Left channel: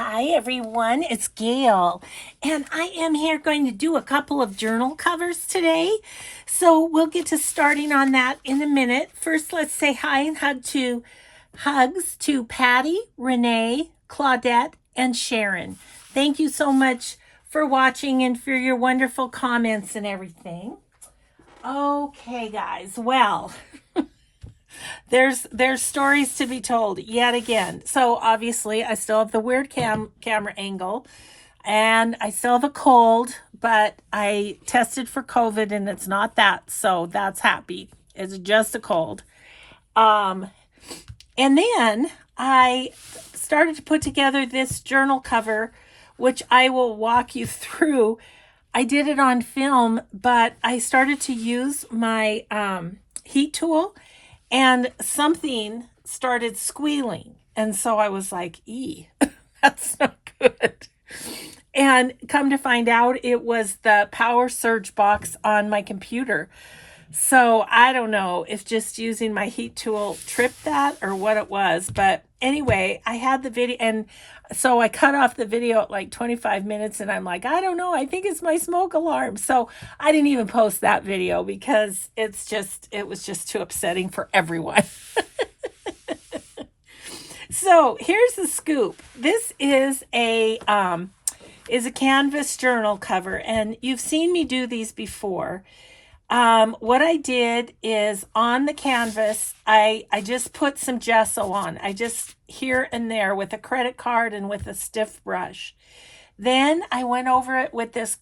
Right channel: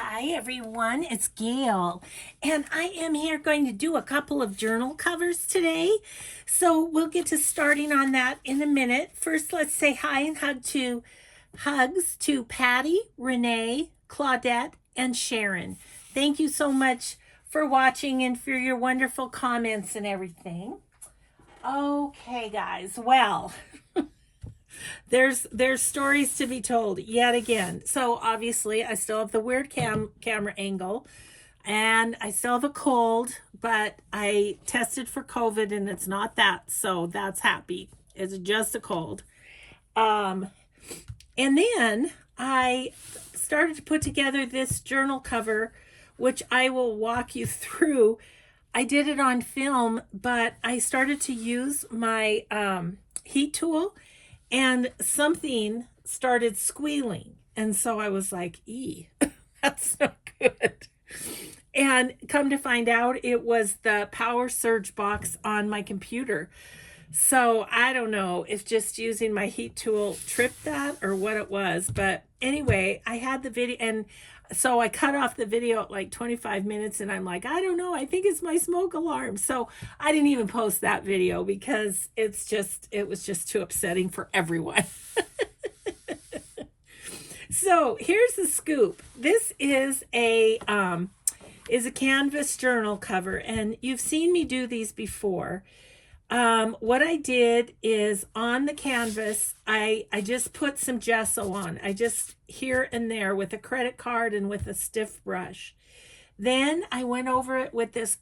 Hi everyone, it's Gail, and I am here going to do a couple of journal covers today. So we'll get to starting on that in a minute. First, let's say hi and hugs to Patty, Renee, Claudette, and Sharon. Thank you so much for watching and for your wonderful comments and everything. Okay, guys. Well, there's stories to be told yet again. So obviously I still have the weird camera angle and I still have a cold, but I tested for COVID and it's not that, so that's happy. It's just a cold. um and then I started to put together this journal cover, which I will walk you through. I did it on film, but I started to use my heat tool and something started squealing. And so I was like, that's not good. And come to find out, it was the power surge box on my computer. So I don't know if just using my heat tool tripped that or what it was. But anyway, I had the video, and so I cut off the video at like 25 minutes and I'm like, I don't know, I think it's my smoke alarm. So I didn't even post that video because it was just too upsetting for everyone. So here's the scoop. This is a canvas journal cover, and you've seen me do these before. What I did is on the canvas, I just put some gesso on. I just here and there with a credit card and with a stiff brush. Then I went over it with this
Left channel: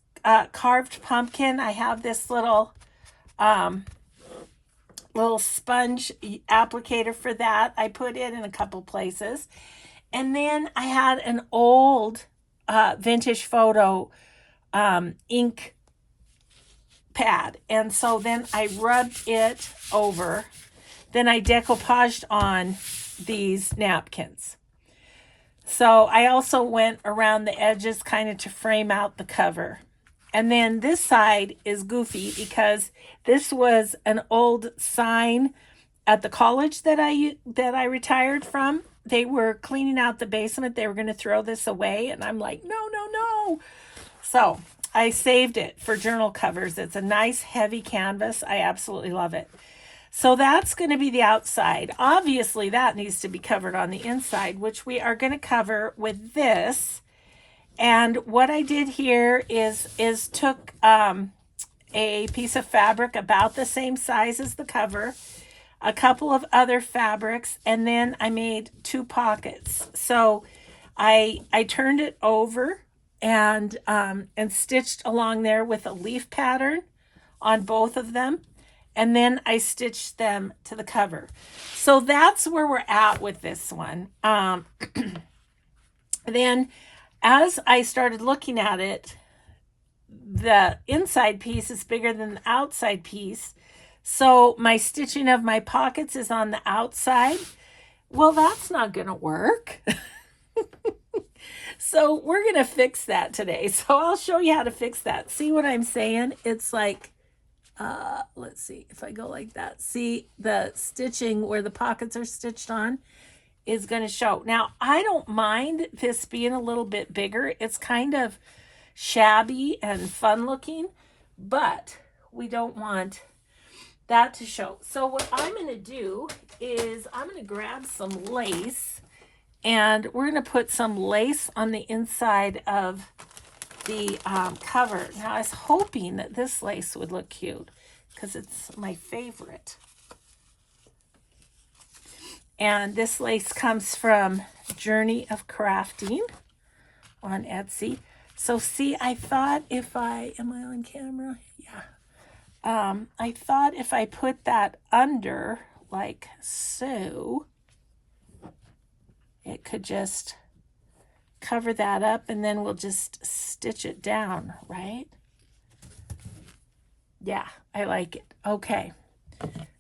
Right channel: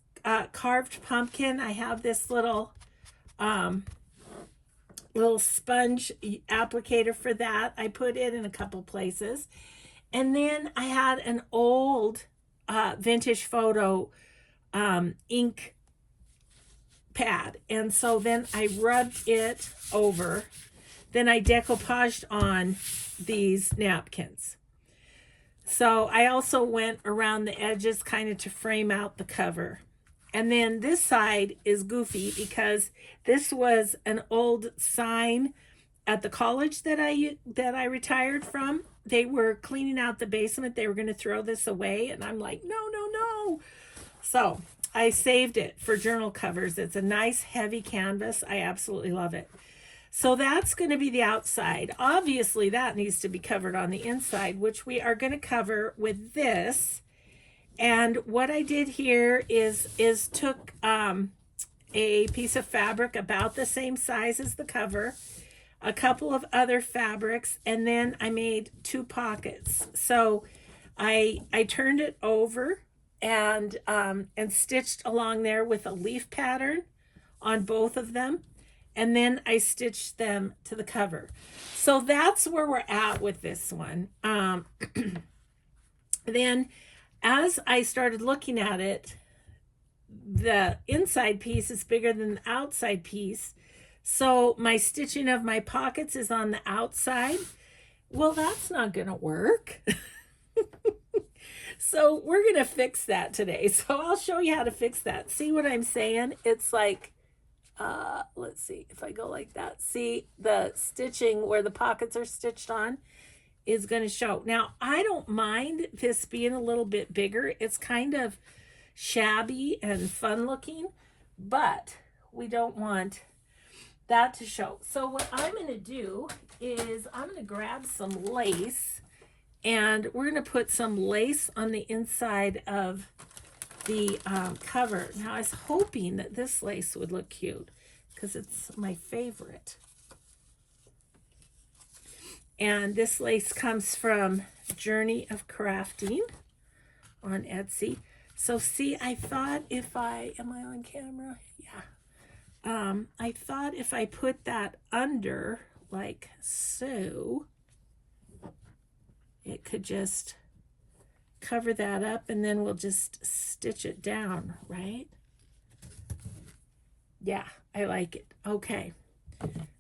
carved pumpkin. I have this little sponge applicator for that. I put it in a couple places. And then I had an old vintage photo ink pad, and so then I rubbed it over. Then I decoupaged on these napkins. So I also went around the edges kind of to frame out the cover. And then this side is goofy because this was an old sign at the college that I retired from. They were cleaning out the basement. They were going to throw this away, and I'm like, no, no, no. So I saved it for journal covers. It's a nice heavy canvas. I absolutely love it. So that's going to be the outside. Obviously, that needs to be covered on the inside, which we are going to cover with this. And what I did here is took a piece of fabric about the same size as the cover, a couple of other fabrics, and then I made two pockets. So I turned it over and stitched along there with a leaf pattern on both of them, and then I stitched them to the cover. So that's where we're at with this one. Then as I started looking at it, the inside piece is bigger than the outside piece. So my stitching of my pockets is on the outside. Well, that's not going to work. So we're going to fix that today. So I'll show you how to fix that. See what I'm saying? It's like, let's see if I go like that. See, the stitching where the pockets are stitched on is going to show. Now, I don't mind this being a little bit bigger. It's kind of shabby and fun looking, but we don't want that to show. So what I'm going to do is I'm going to grab some lace, and we're going to put some lace on the inside of the cover. Now, I was hoping that this lace would look cute because it's my favorite. And this lace comes from Journey of Crafting on Etsy. So see, I thought if am I on camera? Yeah. I thought if I put that under like so, it could just cover that up, and then we'll just stitch it down, right? Yeah, I like it. Okay.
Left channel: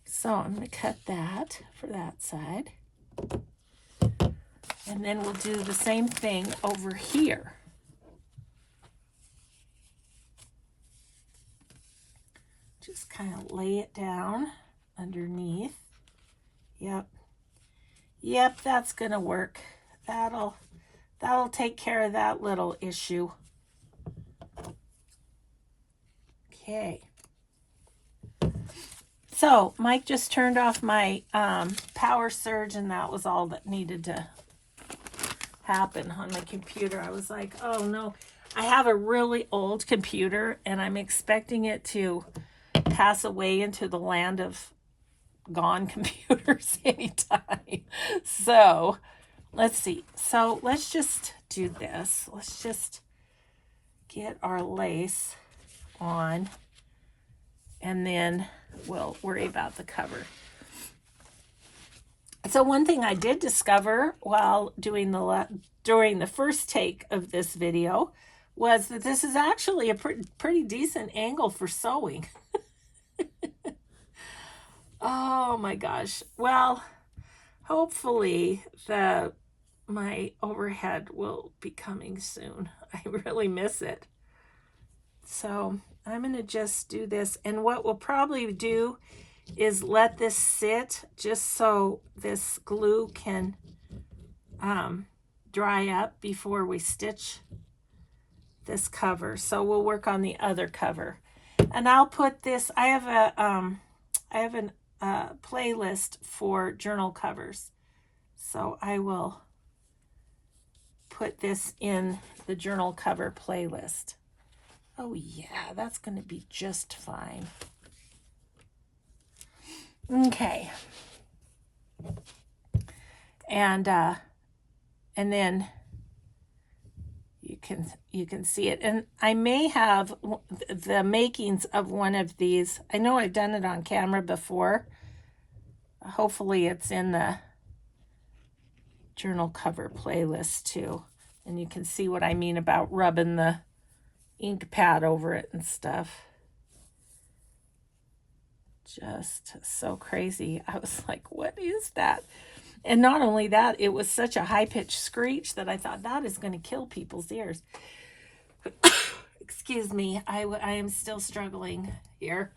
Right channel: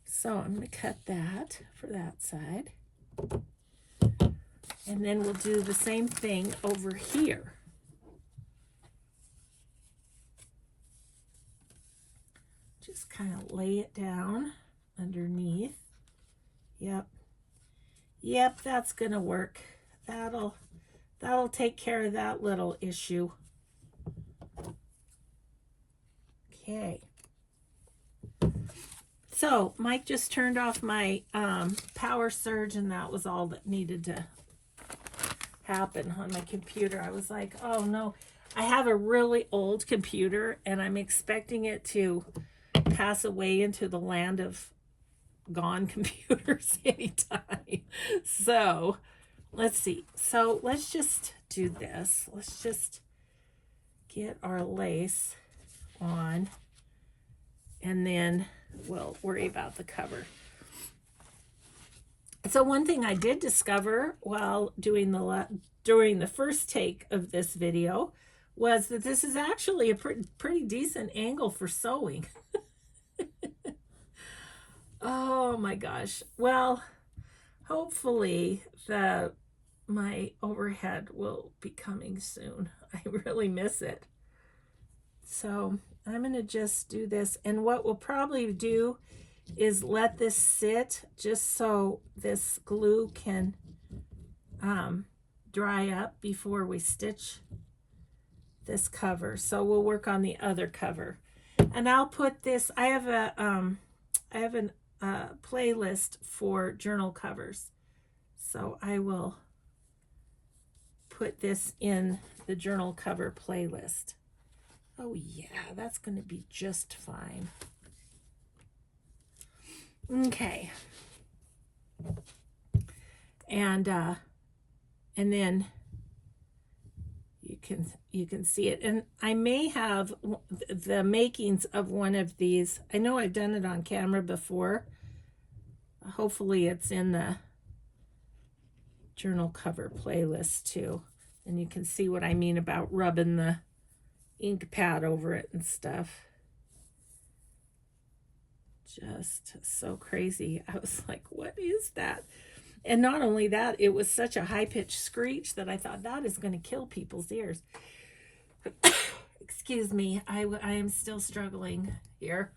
So I'm going to cut that for that side. And then we'll do the same thing over here. Just kind of lay it down underneath. Yep. Yep, that's going to work. That'll that'll take care of that little issue. Okay. So Mike just turned off my power surge, and that was all that needed to happen on my computer. I was like, oh no, I have a really old computer and I'm expecting it to pass away into the land of gone computers anytime. So let's see. So let's just do this. Let's just get our lace on, and then we'll worry about the cover. So one thing I did discover while during the first take of this video was that this is actually a pretty decent angle for sewing. Oh my gosh. Well, hopefully my overhead will be coming soon. I really miss it. So I'm going to just do this, and what we'll probably do is let this sit just so this glue can dry up before we stitch this cover. So we'll work on the other cover, and I'll put this. I have a playlist for journal covers, so I will put this in the journal cover playlist. Oh yeah, that's going to be just fine. Okay. And then you can see it. And I may have the makings of one of these. I know I've done it on camera before. Hopefully it's in the journal cover playlist too. And you can see what I mean about rubbing the ink pad over it and stuff. Just so crazy. I was like, what is that? And not only that, it was such a high-pitched screech that I thought that is going to kill people's ears. Excuse me, I am still struggling here,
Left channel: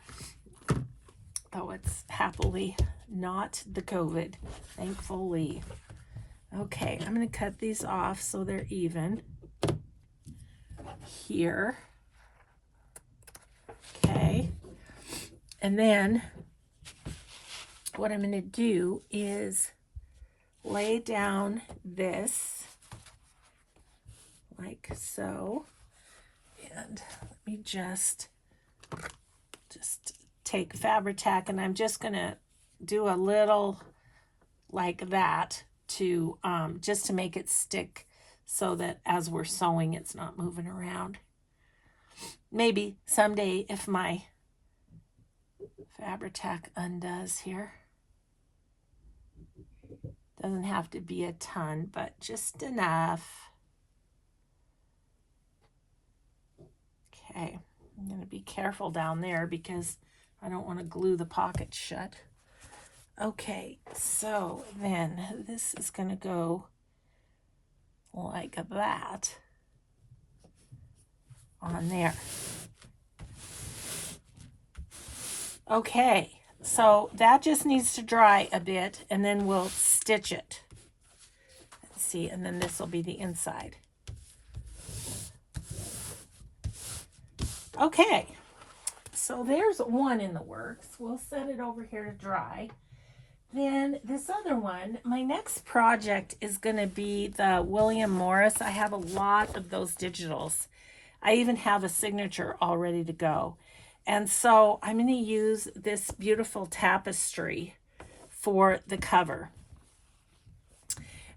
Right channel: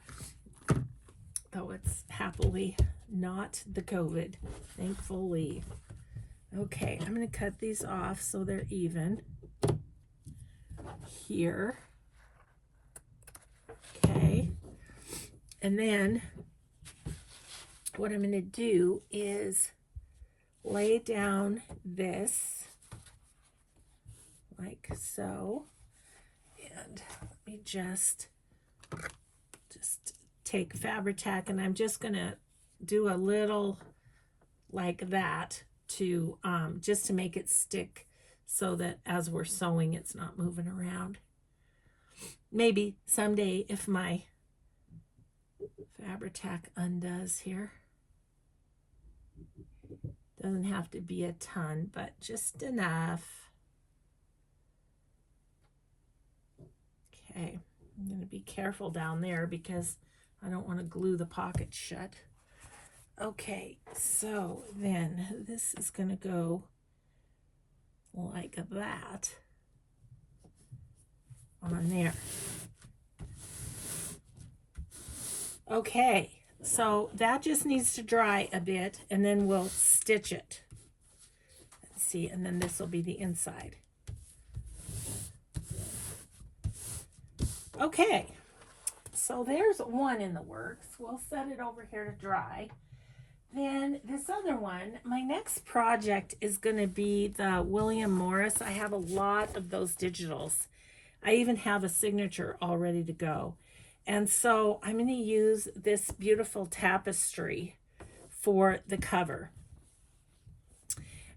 though it's happily not the COVID, thankfully. Okay, I'm going to cut these off so they're even here. Okay, and then what I'm going to do is lay down this like so, and let me just take Fabri-Tac, and I'm just going to do a little like that to just to make it stick, so that as we're sewing it's not moving around. Maybe someday if my Fabri-Tac undoes here. Doesn't have to be a ton, but just enough. Okay, I'm going to be careful down there because I don't want to glue the pocket shut. Okay, so then this is going to go like that on there. Okay, so that just needs to dry a bit, and then we'll stitch it. Let's see, and then this will be the inside. Okay, so there's one in the works. We'll set it over here to dry. Then this other one, my next project is going to be the William Morris. I have a lot of those digitals. I even have a signature all ready to go. And so I'm going to use this beautiful Tapestry for the cover.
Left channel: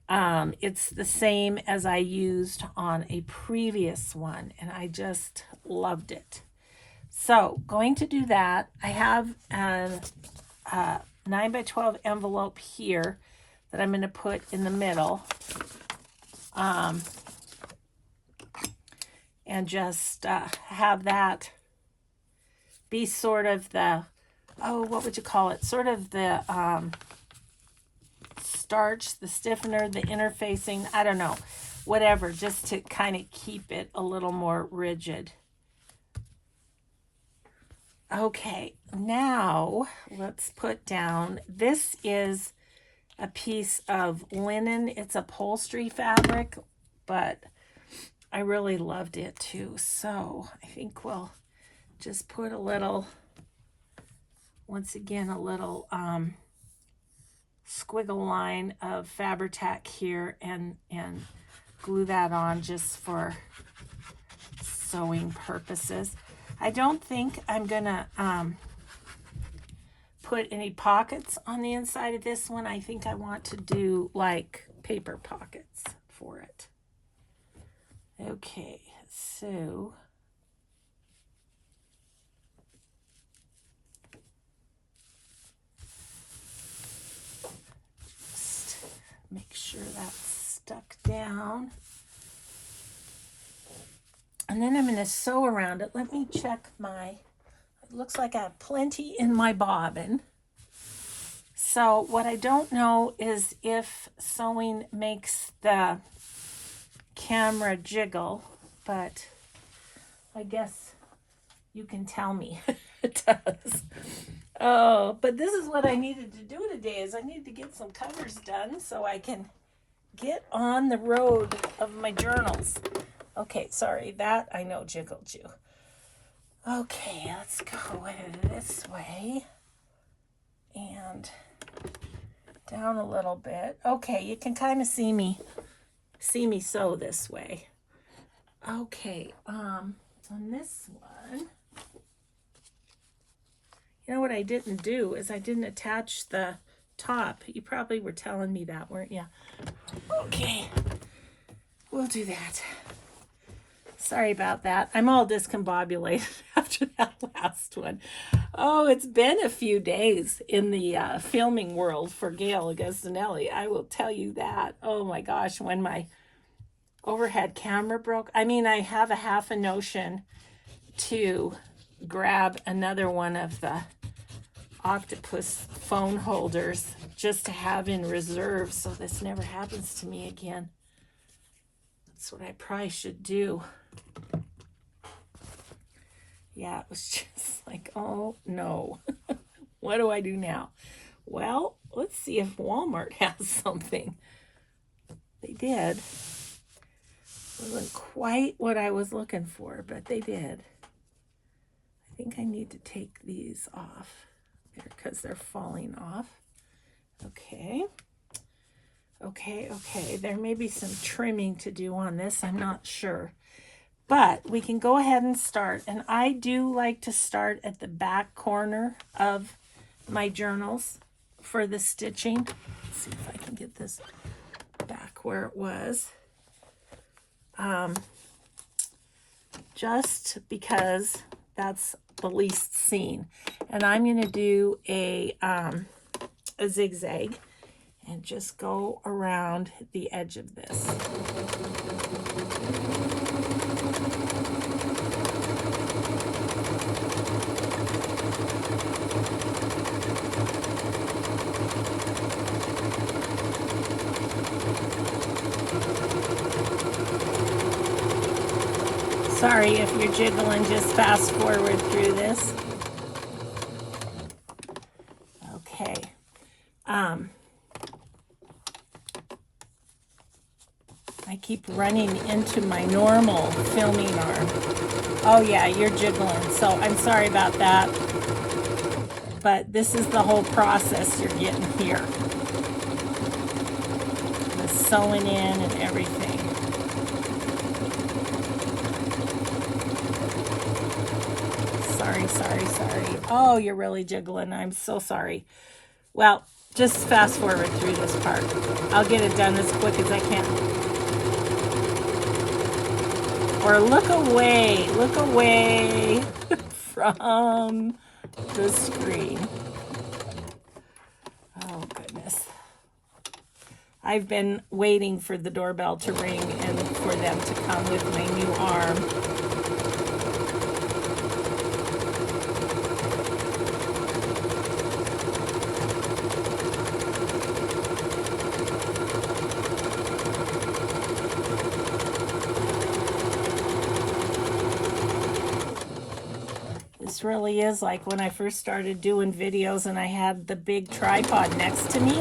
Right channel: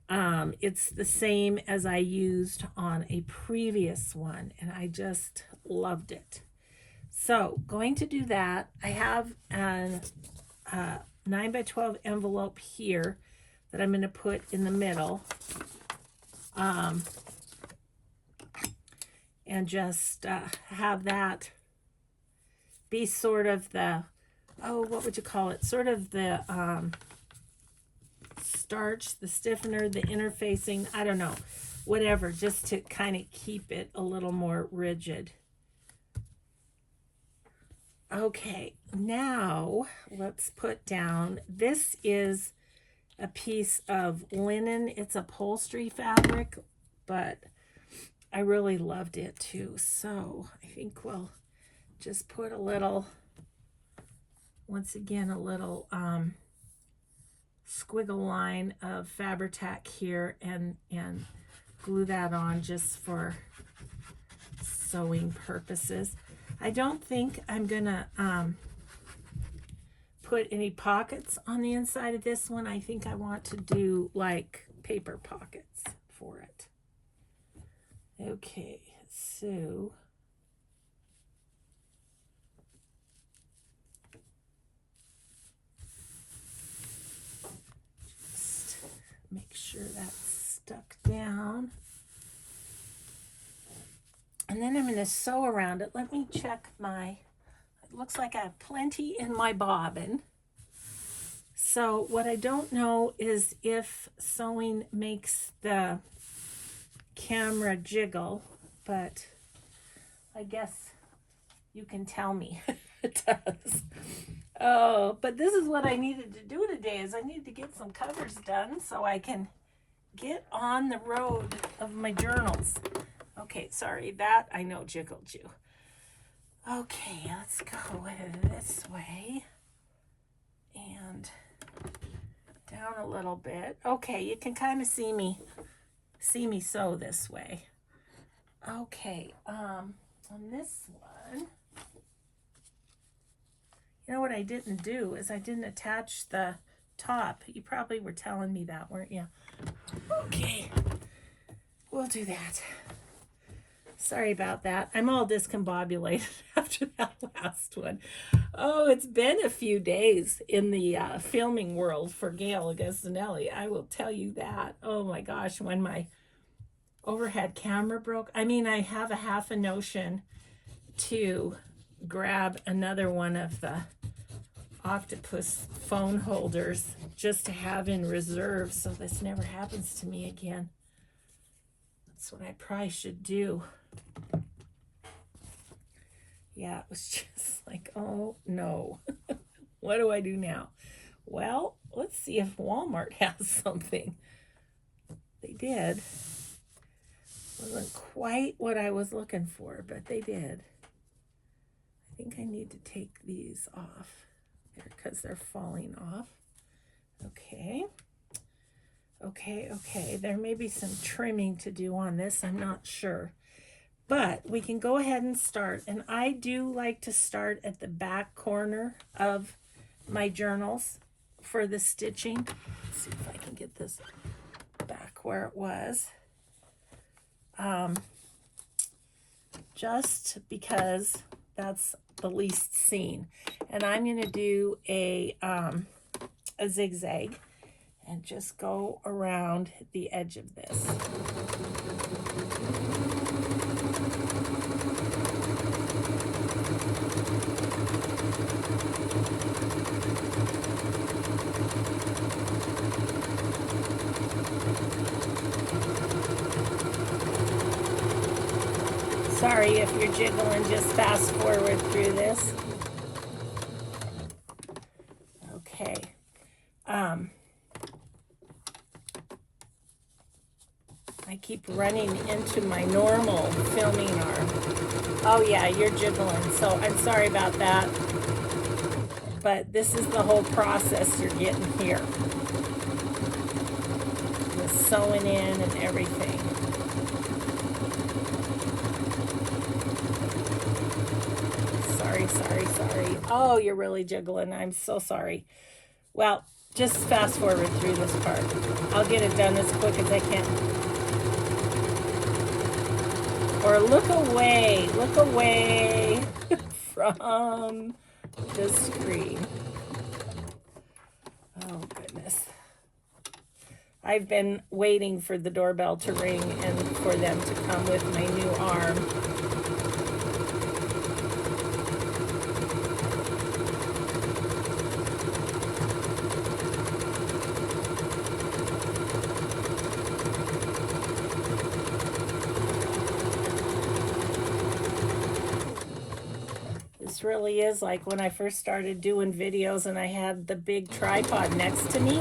It's the same as I used on a previous one, and I just loved it. So going to do that. I have a 9x12 envelope here that I'm going to put in the middle, and just have that be sort of the, oh, what would you call it? Sort of the starch, the stiffener, the interfacing, I don't know, whatever, just to kind of keep it a little more rigid. Okay, now let's put down, this is a piece of linen. It's upholstery fabric, but I really loved it too. So I think we'll just put a little, once again, a little squiggle line of Fabri-Tac here and glue that on just for sewing purposes. I don't think I'm gonna put any pockets on the inside of this one. I think I want to do like paper pockets for it. Okay, so just make sure that's stuck down. And then I'm going to sew around it. Let me check my, it looks like I have plenty in my bobbin. So what I don't know is if sewing makes the camera jiggle, but I guess you can tell me it does. Oh, but this is what I needed to do today, is I need to get some covers done so I can get on the road of my journals. Okay, sorry, that I know jiggled you. Okay, let's go this way and down a little bit. Okay, you can kind of see me sew this way. Okay, on this one, you know what I didn't do is I didn't attach the top. You probably were telling me that, weren't you? Okay, we'll do that. Sorry about that. I'm all discombobulated after that last one. Oh, it's been a few days in the filming world for Gail Augustinelli. I will tell you that. Oh my gosh, when my overhead camera broke. I mean, I have a half a notion to grab another one of the octopus phone holders just to have in reserve so this never happens to me again. That's what I probably should do. Yeah, it was just like, oh no. What do I do now? Well, let's see if Walmart has something. They did. Wasn't quite what I was looking for, but they did. I think I need to take these off because they're falling off. Okay. Okay. There may be some trimming to do on this. I'm not sure. But we can go ahead and start. And I do like to start at the back corner of my journals for the stitching. Let's see if I can get this back where it was. Just because that's the least seen. And I'm going to do a zigzag and just go around the edge of this. Sorry if you're jiggling, just fast forward through this. Okay. I keep running into my normal filming arm. Oh yeah, you're jiggling, so I'm sorry about that. But this is the whole process you're getting here. The sewing in and everything. Sorry. Oh, you're really jiggling. I'm so sorry. Well, just fast forward through this part. I'll get it done as quick as I can. Or look away from the screen. Oh, goodness. I've been waiting for the doorbell to ring and for them to come with my new arm. this really is like when I first started doing videos and I had the big tripod next to me,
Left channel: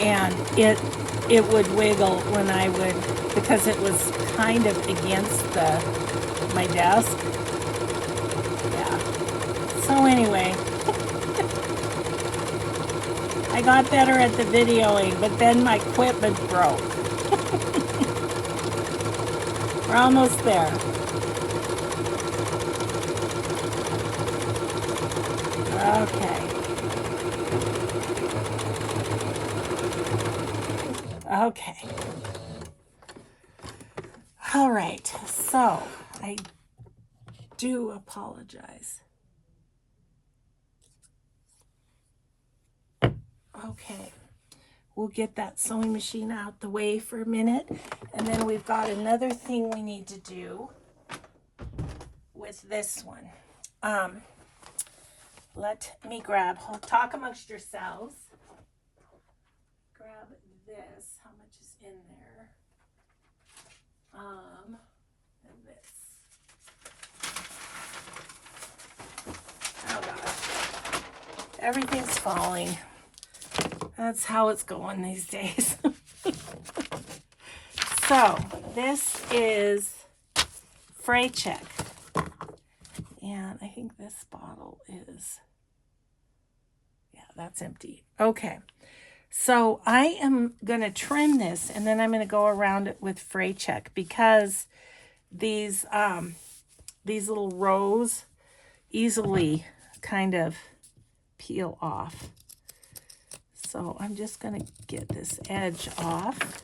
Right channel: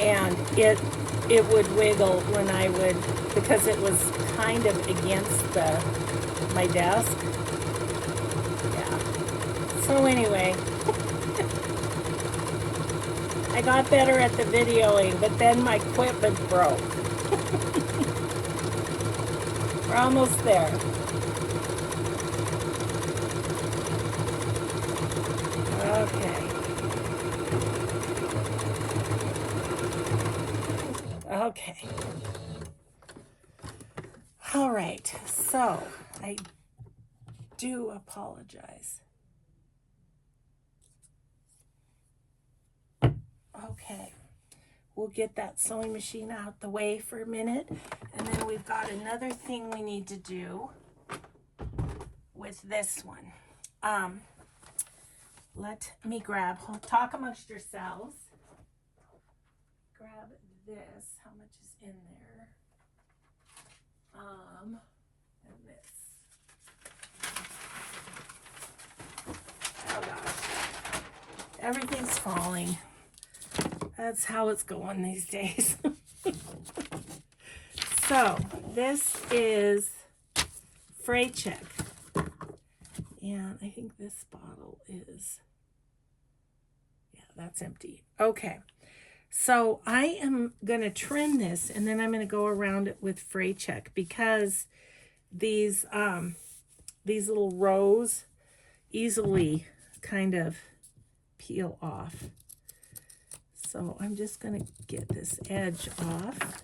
and it would wiggle when I would, because it was kind of against my desk. Yeah. So anyway, I got better at the videoing, but then my equipment broke. We're almost there. Okay. All right. So I do apologize. Okay. We'll get that sewing machine out the way for a minute. And then we've got another thing we need to do with this one. Let me grab, talk amongst yourselves. Grab this. How much is in there? And this. Oh gosh. Everything's falling. That's how it's going these days. So, this is Fray Check. And I think this bottle is, yeah, that's empty. Okay. So I am going to trim this, and then I'm going to go around it with Fray Check, because these little rows easily kind of peel off. So I'm just going to get this edge off.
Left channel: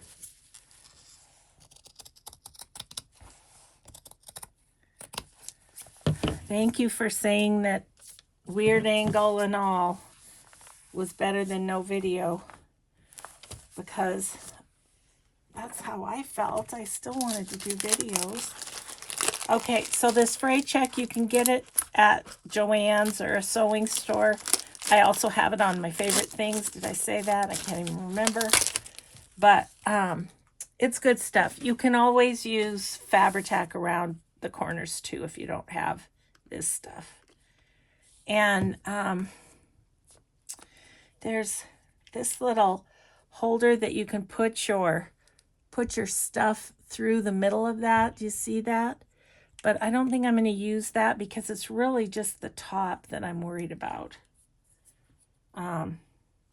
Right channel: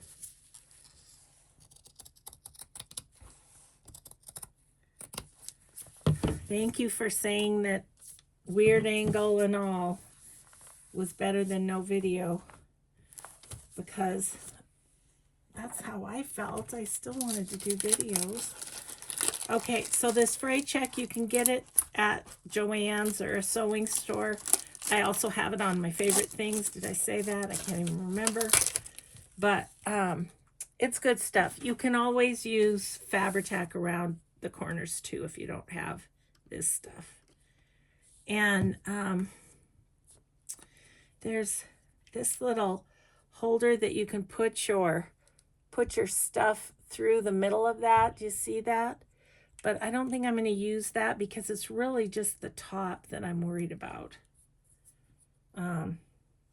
Thank you for saying that weird angle and all was better than no video, because that's how I felt. I still wanted to do videos. Okay, so this Fray Check, you can get it at Joann's or a sewing store. I also have it on my favorite things. Did I say that? I can't even remember. But it's good stuff. You can always use Fabri-Tac around the corners too if you don't have this stuff. And there's this little holder that you can put your stuff through the middle of that. Do you see that? But I don't think I'm going to use that because it's really just the top that I'm worried about.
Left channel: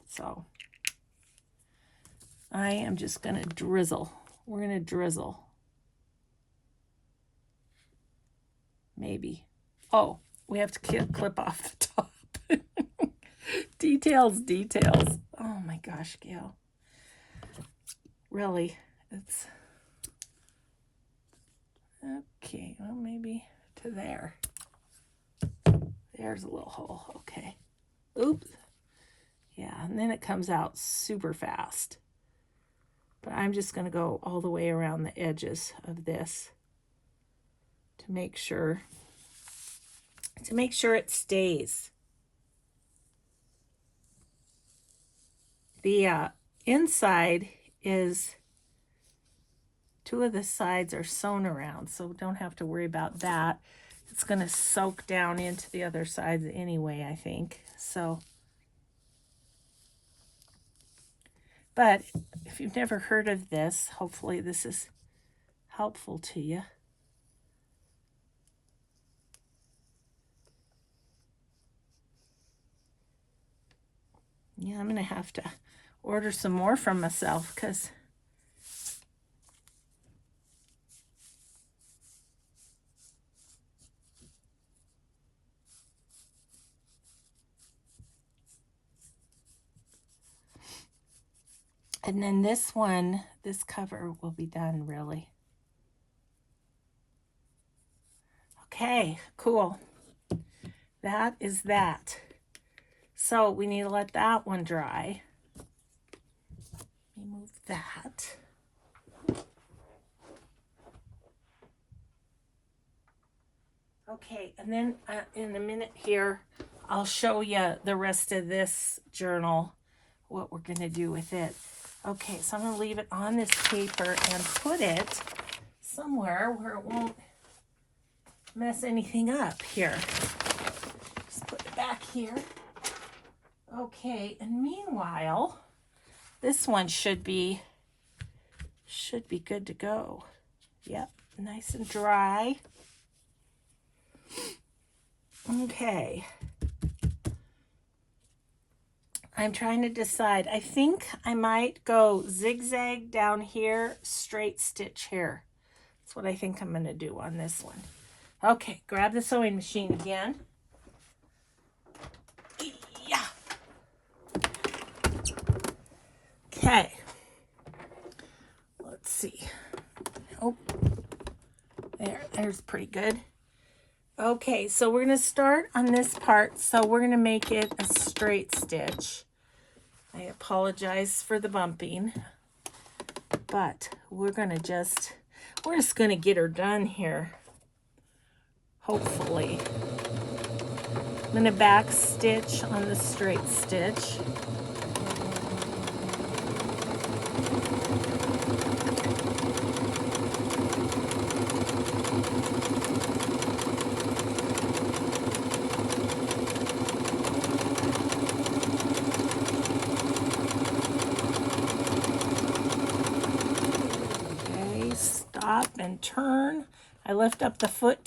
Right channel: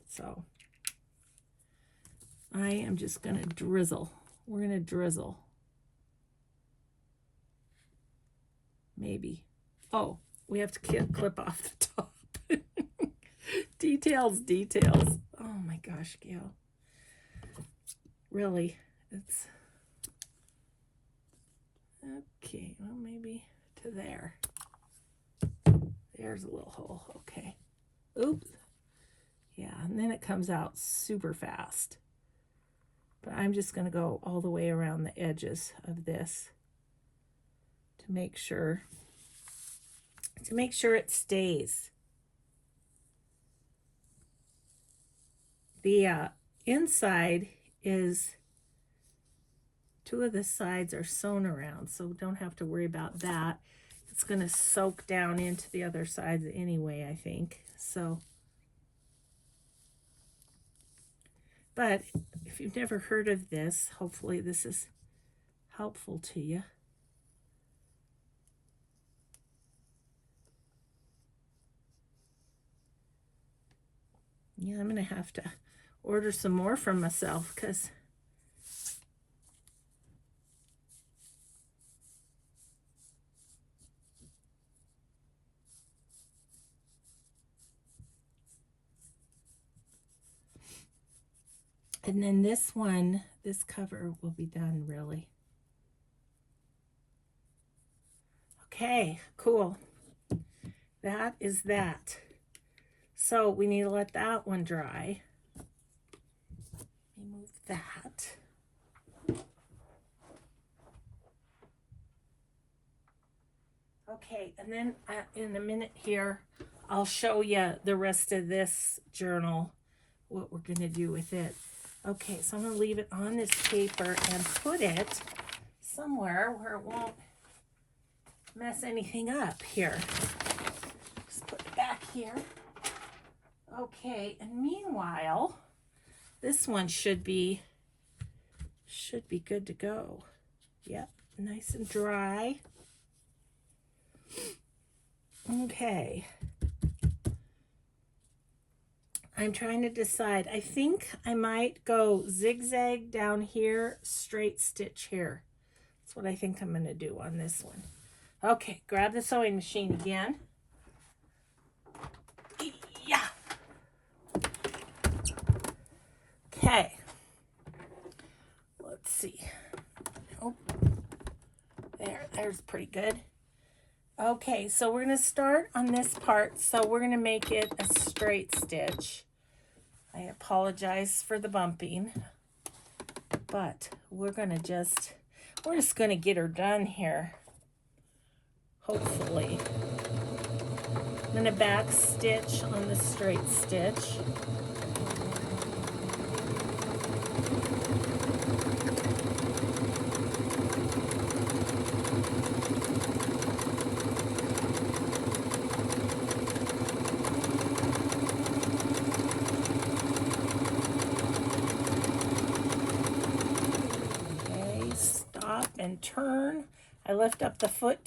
So I am just going to drizzle. We're going to drizzle. Maybe. Oh, we have to clip off the top. Details. Oh my gosh, Gail. Really, it's... Okay, well, maybe to there. There's a little hole. Okay. Oops. Yeah, and then it comes out super fast. But I'm just going to go all the way around the edges of this to make sure it stays. The inside is, two of the sides are sewn around, so don't have to worry about that. It's going to soak down into the other sides anyway, I think. So, but if you've never heard of this, hopefully this is helpful to you. Yeah, I'm going to have to order some more from myself, because and then this one, this cover will be done really. Okay, cool. That is that. So we need to let that one dry. Remove that. Okay, and then in a minute here, I'll show you the rest of this journal, what we're going to do with it. Okay, so I'm going to leave it on this paper and put it somewhere where it won't mess anything up here. here. Okay, and meanwhile, this one should be good to go. Yep, nice and dry. Okay. I'm trying to decide. I think I might go zigzag down here, straight stitch here. That's what I think I'm going to do on this one. Okay, grab the sewing machine again. Yeah. Okay. Let's see. Oh, there's pretty good. Okay, so we're going to start on this part. So we're going to make it a straight stitch. I apologize for the bumping, but we're just going to get her done here. Hopefully. I'm going to back stitch on the straight stitch. Okay, stop and turn. I lift up the foot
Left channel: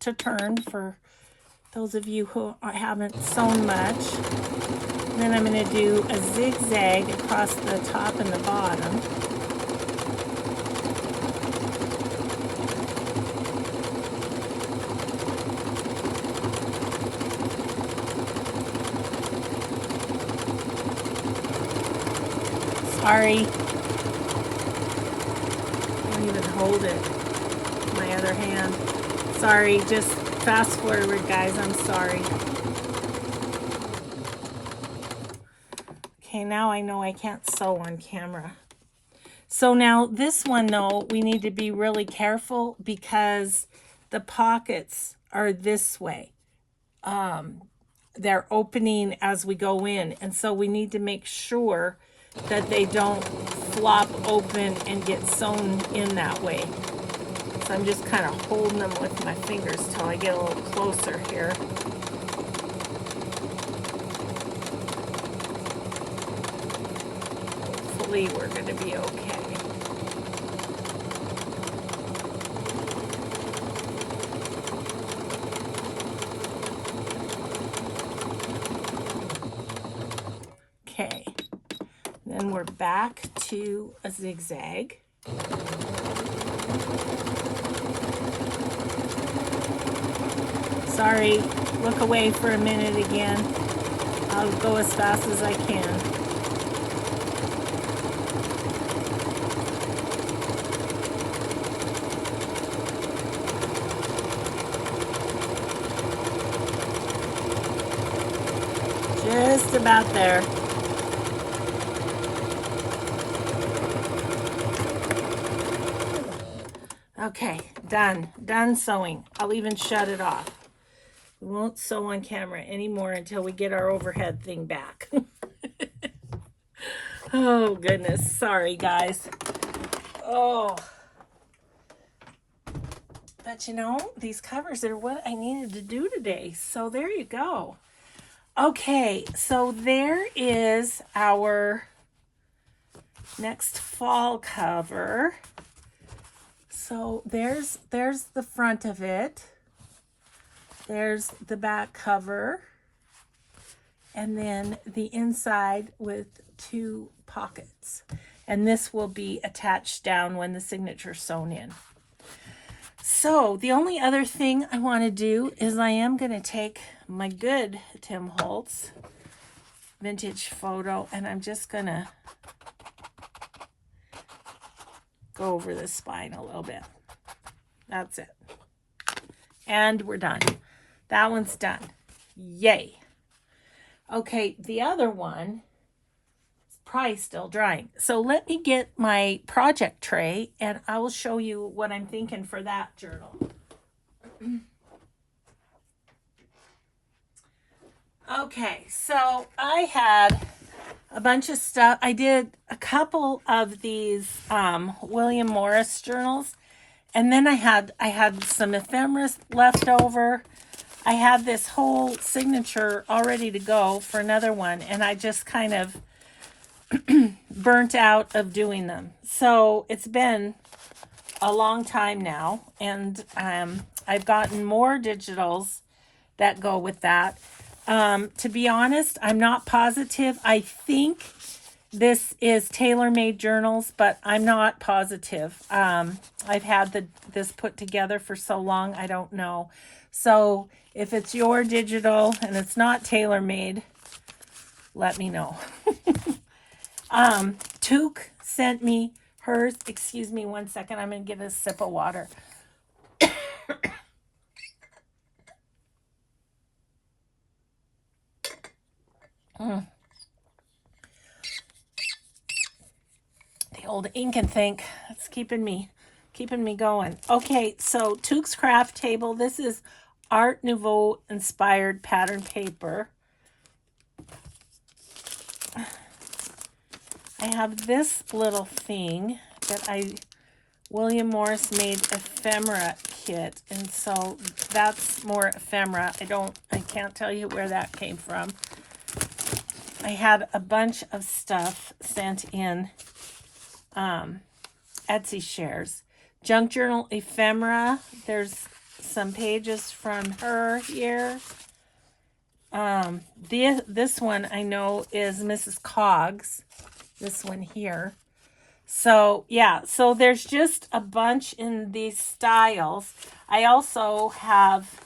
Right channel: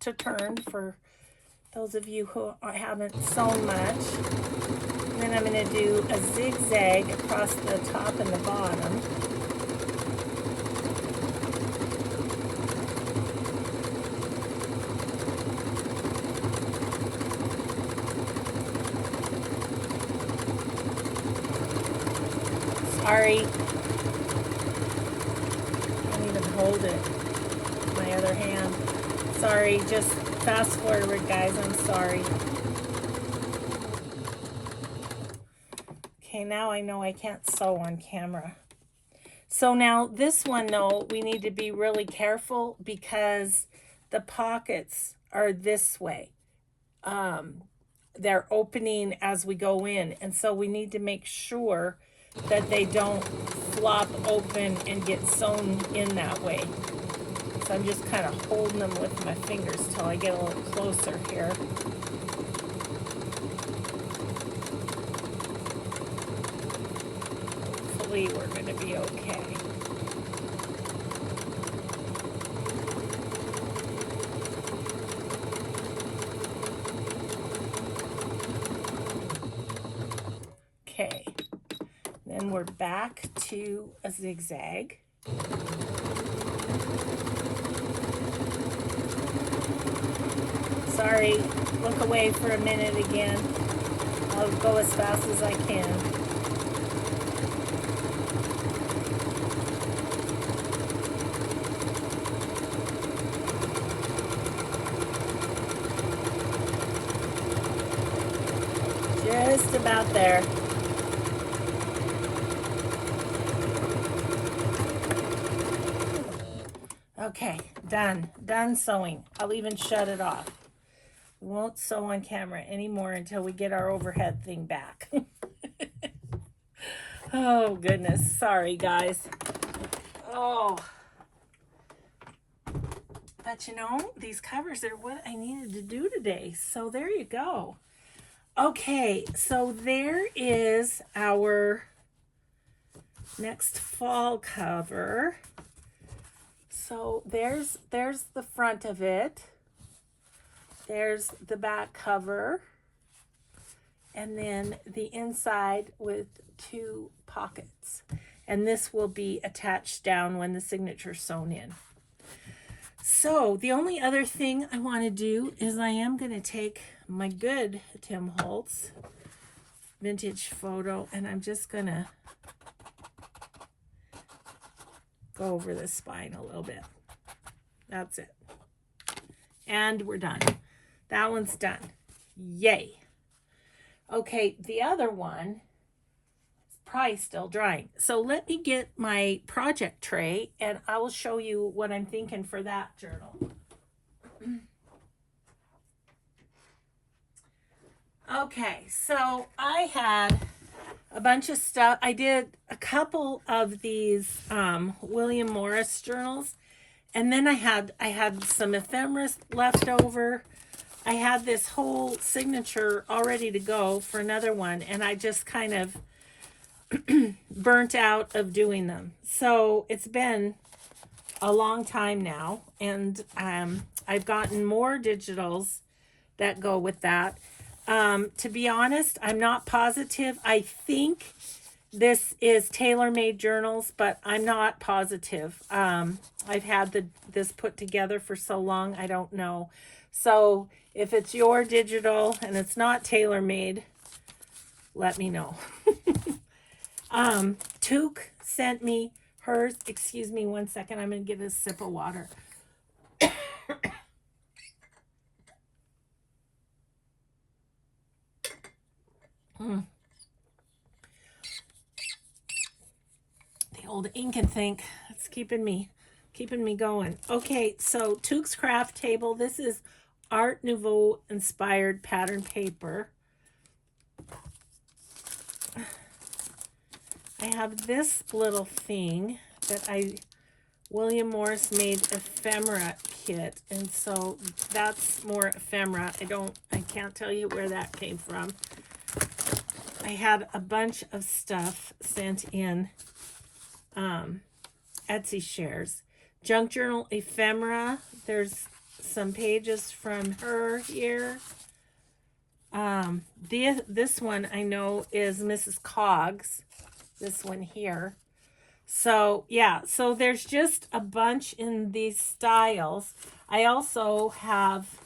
to turn for those of you who haven't sewn much. And then I'm going to do a zigzag across the top and the bottom. Sorry. I can't even hold it with my other hand. Sorry, just fast forward, guys. I'm sorry. Okay, now I know I can't sew on camera. So now this one, though, we need to be really careful because the pockets are this way. They're opening as we go in, and so we need to make sure that they don't flop open and get sewn in that way. So I'm just kind of holding them with my fingers till I get a little closer here. Hopefully we're going to be okay. Okay, then we're back to a zigzag. Sorry, look away for a minute again. I'll go as fast as I can. Just about there. Okay, done sewing. I'll even shut it off. We won't sew on camera anymore until we get our overhead thing back. Oh, goodness. Sorry, guys. Oh. But you know, these covers are what I needed to do today. So there you go. Okay, so there is our next fall cover. So there's the front of it. There's the back cover. And then the inside with 2 pockets. And this will be attached down when the signature's sewn in. So the only other thing I want to do is I am going to take my good Tim Holtz vintage photo and I'm just going to go over the spine a little bit. That's it. And we're done. That one's done. Yay. Okay, the other one is probably still drying. So let me get my project tray and I will show you what I'm thinking for that journal. Okay, so I had a bunch of stuff. I did a couple of these William Morris journals, and then I had some ephemera left over. I had this whole signature all ready to go for another one, and I just kind of burnt out of doing them. So it's been a long time now, and I've gotten more digitals that go with that. To be honest, I'm not positive. I think this is tailor-made journals, but I'm not positive. I've had this put together for so long, I don't know. So if it's your digital and it's not tailor-made, let me know. Took sent me hers. Excuse me one second. I'm going to get a sip of water. The old ink and think. It's keeping me going. Okay, so Took's Craft Table. This is Art Nouveau inspired pattern paper. I have this little thing that William Morris made ephemera kit, and so that's more ephemera. I can't tell you where that came from. I had a bunch of stuff sent in Etsy shares. Junk Journal ephemera. There's some pages from her here. This one I know is Mrs. Coggs. This one here. So yeah, so there's just a bunch in these styles. I also have,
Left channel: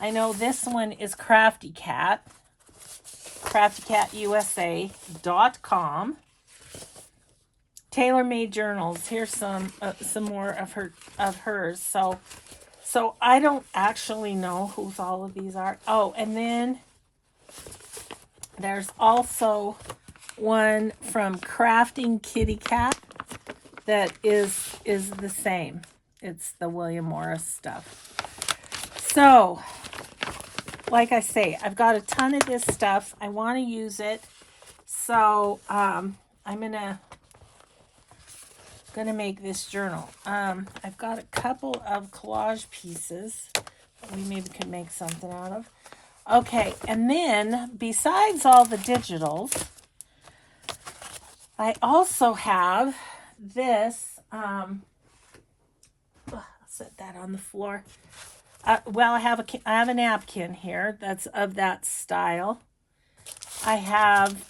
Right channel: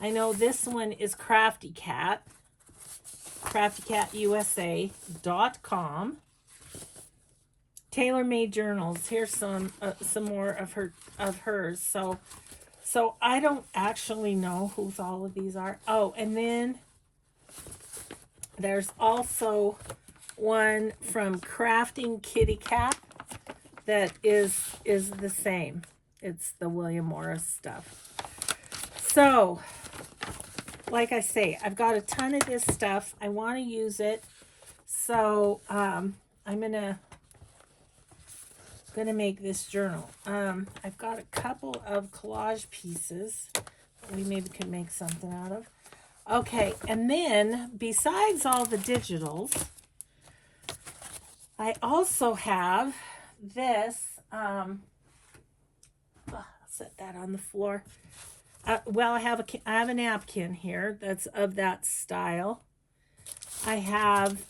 I know this one is Crafty Cat, craftycatusa.com. Tailor-made journals. Here's some more of hers. So I don't actually know whose all of these are. Oh, and then there's also one from Crafting Kitty Cat that is the same. It's the William Morris stuff. So, like I say, I've got a ton of this stuff. I want to use it. So, I'm gonna make this journal. I've got a couple of collage pieces we maybe could make something out of. Okay, and then besides all the digitals, I also have this. I'll set that on the floor. Well, I have a napkin here that's of that style. I have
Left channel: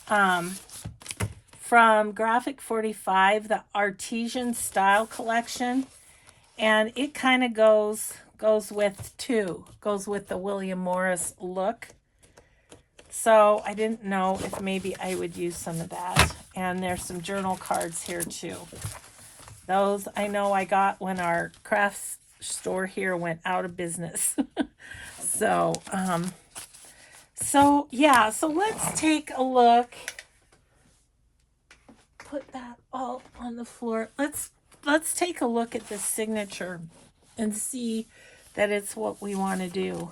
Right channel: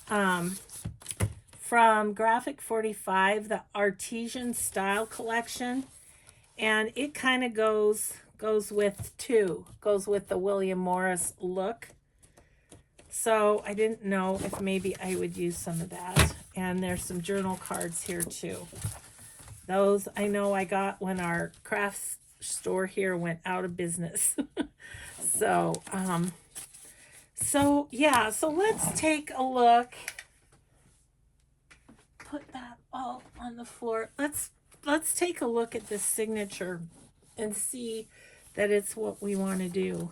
from Graphic 45 the Artesian Style Collection, and it kind of goes with the William Morris look. So I didn't know if maybe I would use some of that. And there's some journal cards here too. Those I know I got when our crafts store here went out of business. So yeah, so let's take a look. Put that all on the floor. Let's take a look at this signature and see that it's what we want to do.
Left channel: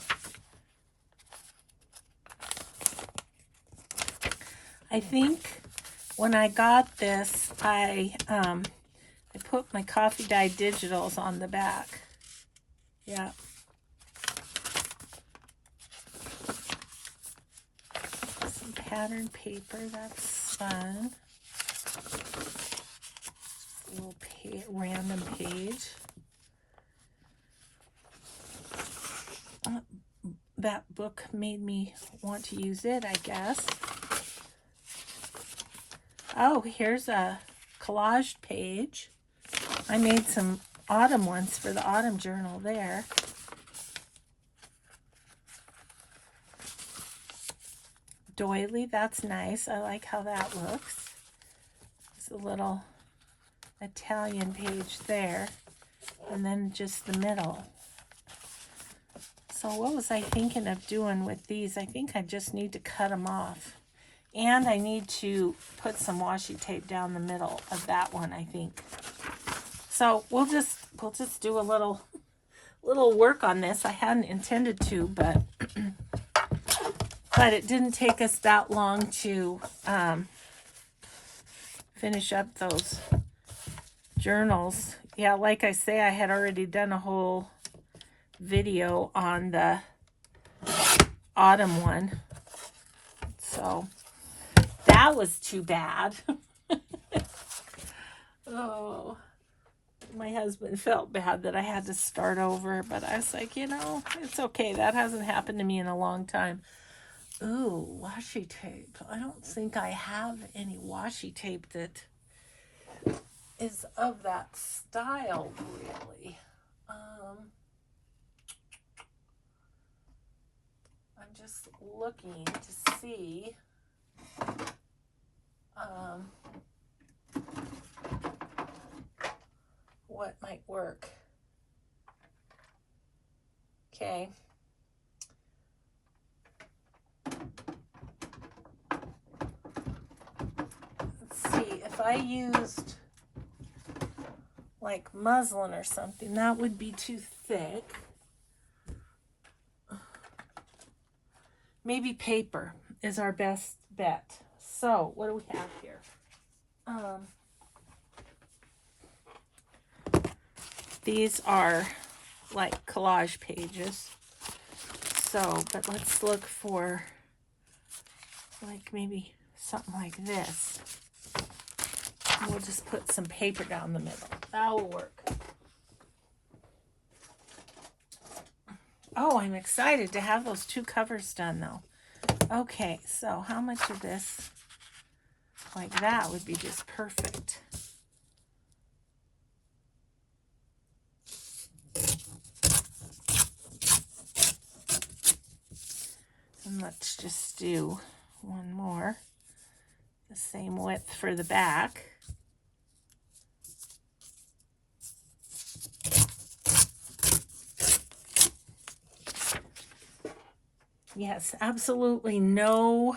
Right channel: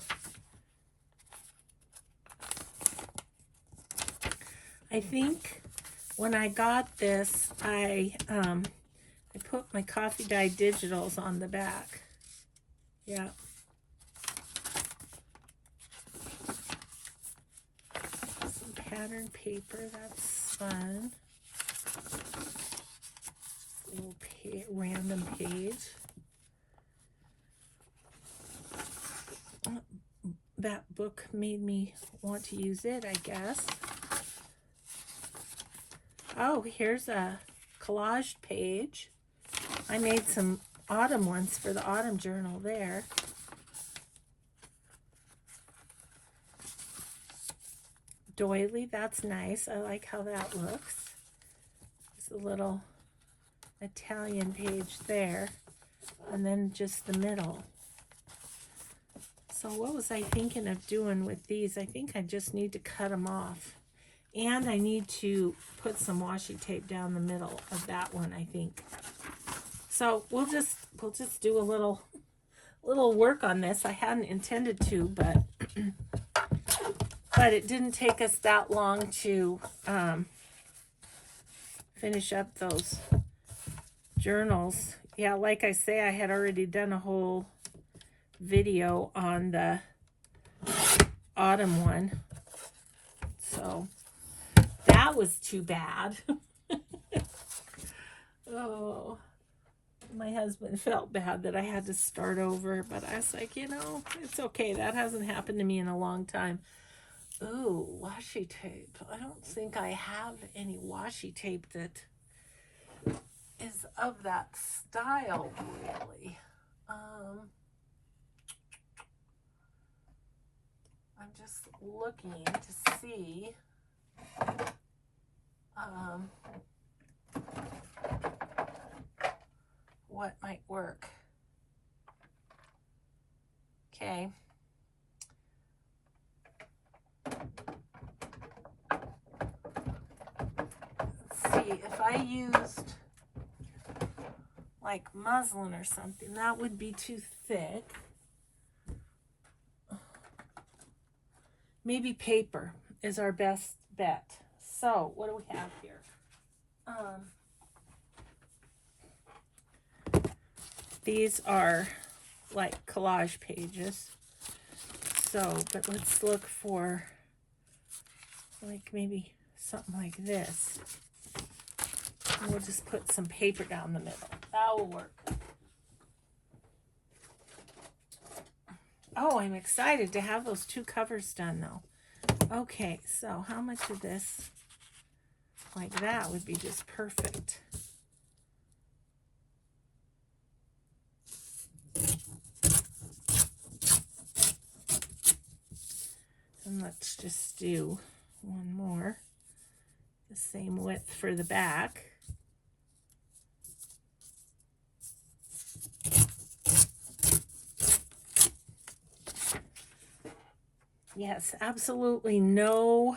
I think when I got this, I put my coffee dye digitals on the back. Yeah. Some pattern paper, that's fun. Little random page. That book made me want to use it, I guess. Oh, here's a collage page. I made some autumn ones for the autumn journal there. Doily, that's nice. I like how that looks. It's a little Italian page there. And then just the middle. So what was I thinking of doing with these? I think I just need to cut them off. And I need to put some washi tape down the middle of that one, I think. So we'll just do a little work on this. I hadn't intended to, but it didn't take us that long to finish up those journals. Yeah, like I say, I had already done a whole video on the autumn one. So that was too bad. Oh, my husband felt bad that I had to start over, but I was like, you know, it's okay. That hasn't happened to me in a long time. Oh, washi tape. I don't think I have any washi tape that is of that style, really. I'm just looking to see. What might work. Okay. Let's see, if I used like muslin or something, that would be too thick. Maybe paper is our best bet. So, what do we have here? These are like collage pages. So, but let's look for like maybe something like this. And we'll just put some paper down the middle. That will work. Oh, I'm excited to have those two covers done though. Okay, so how much of this like that would be just perfect. And let's just do one more. The same width for the back. Yes, absolutely no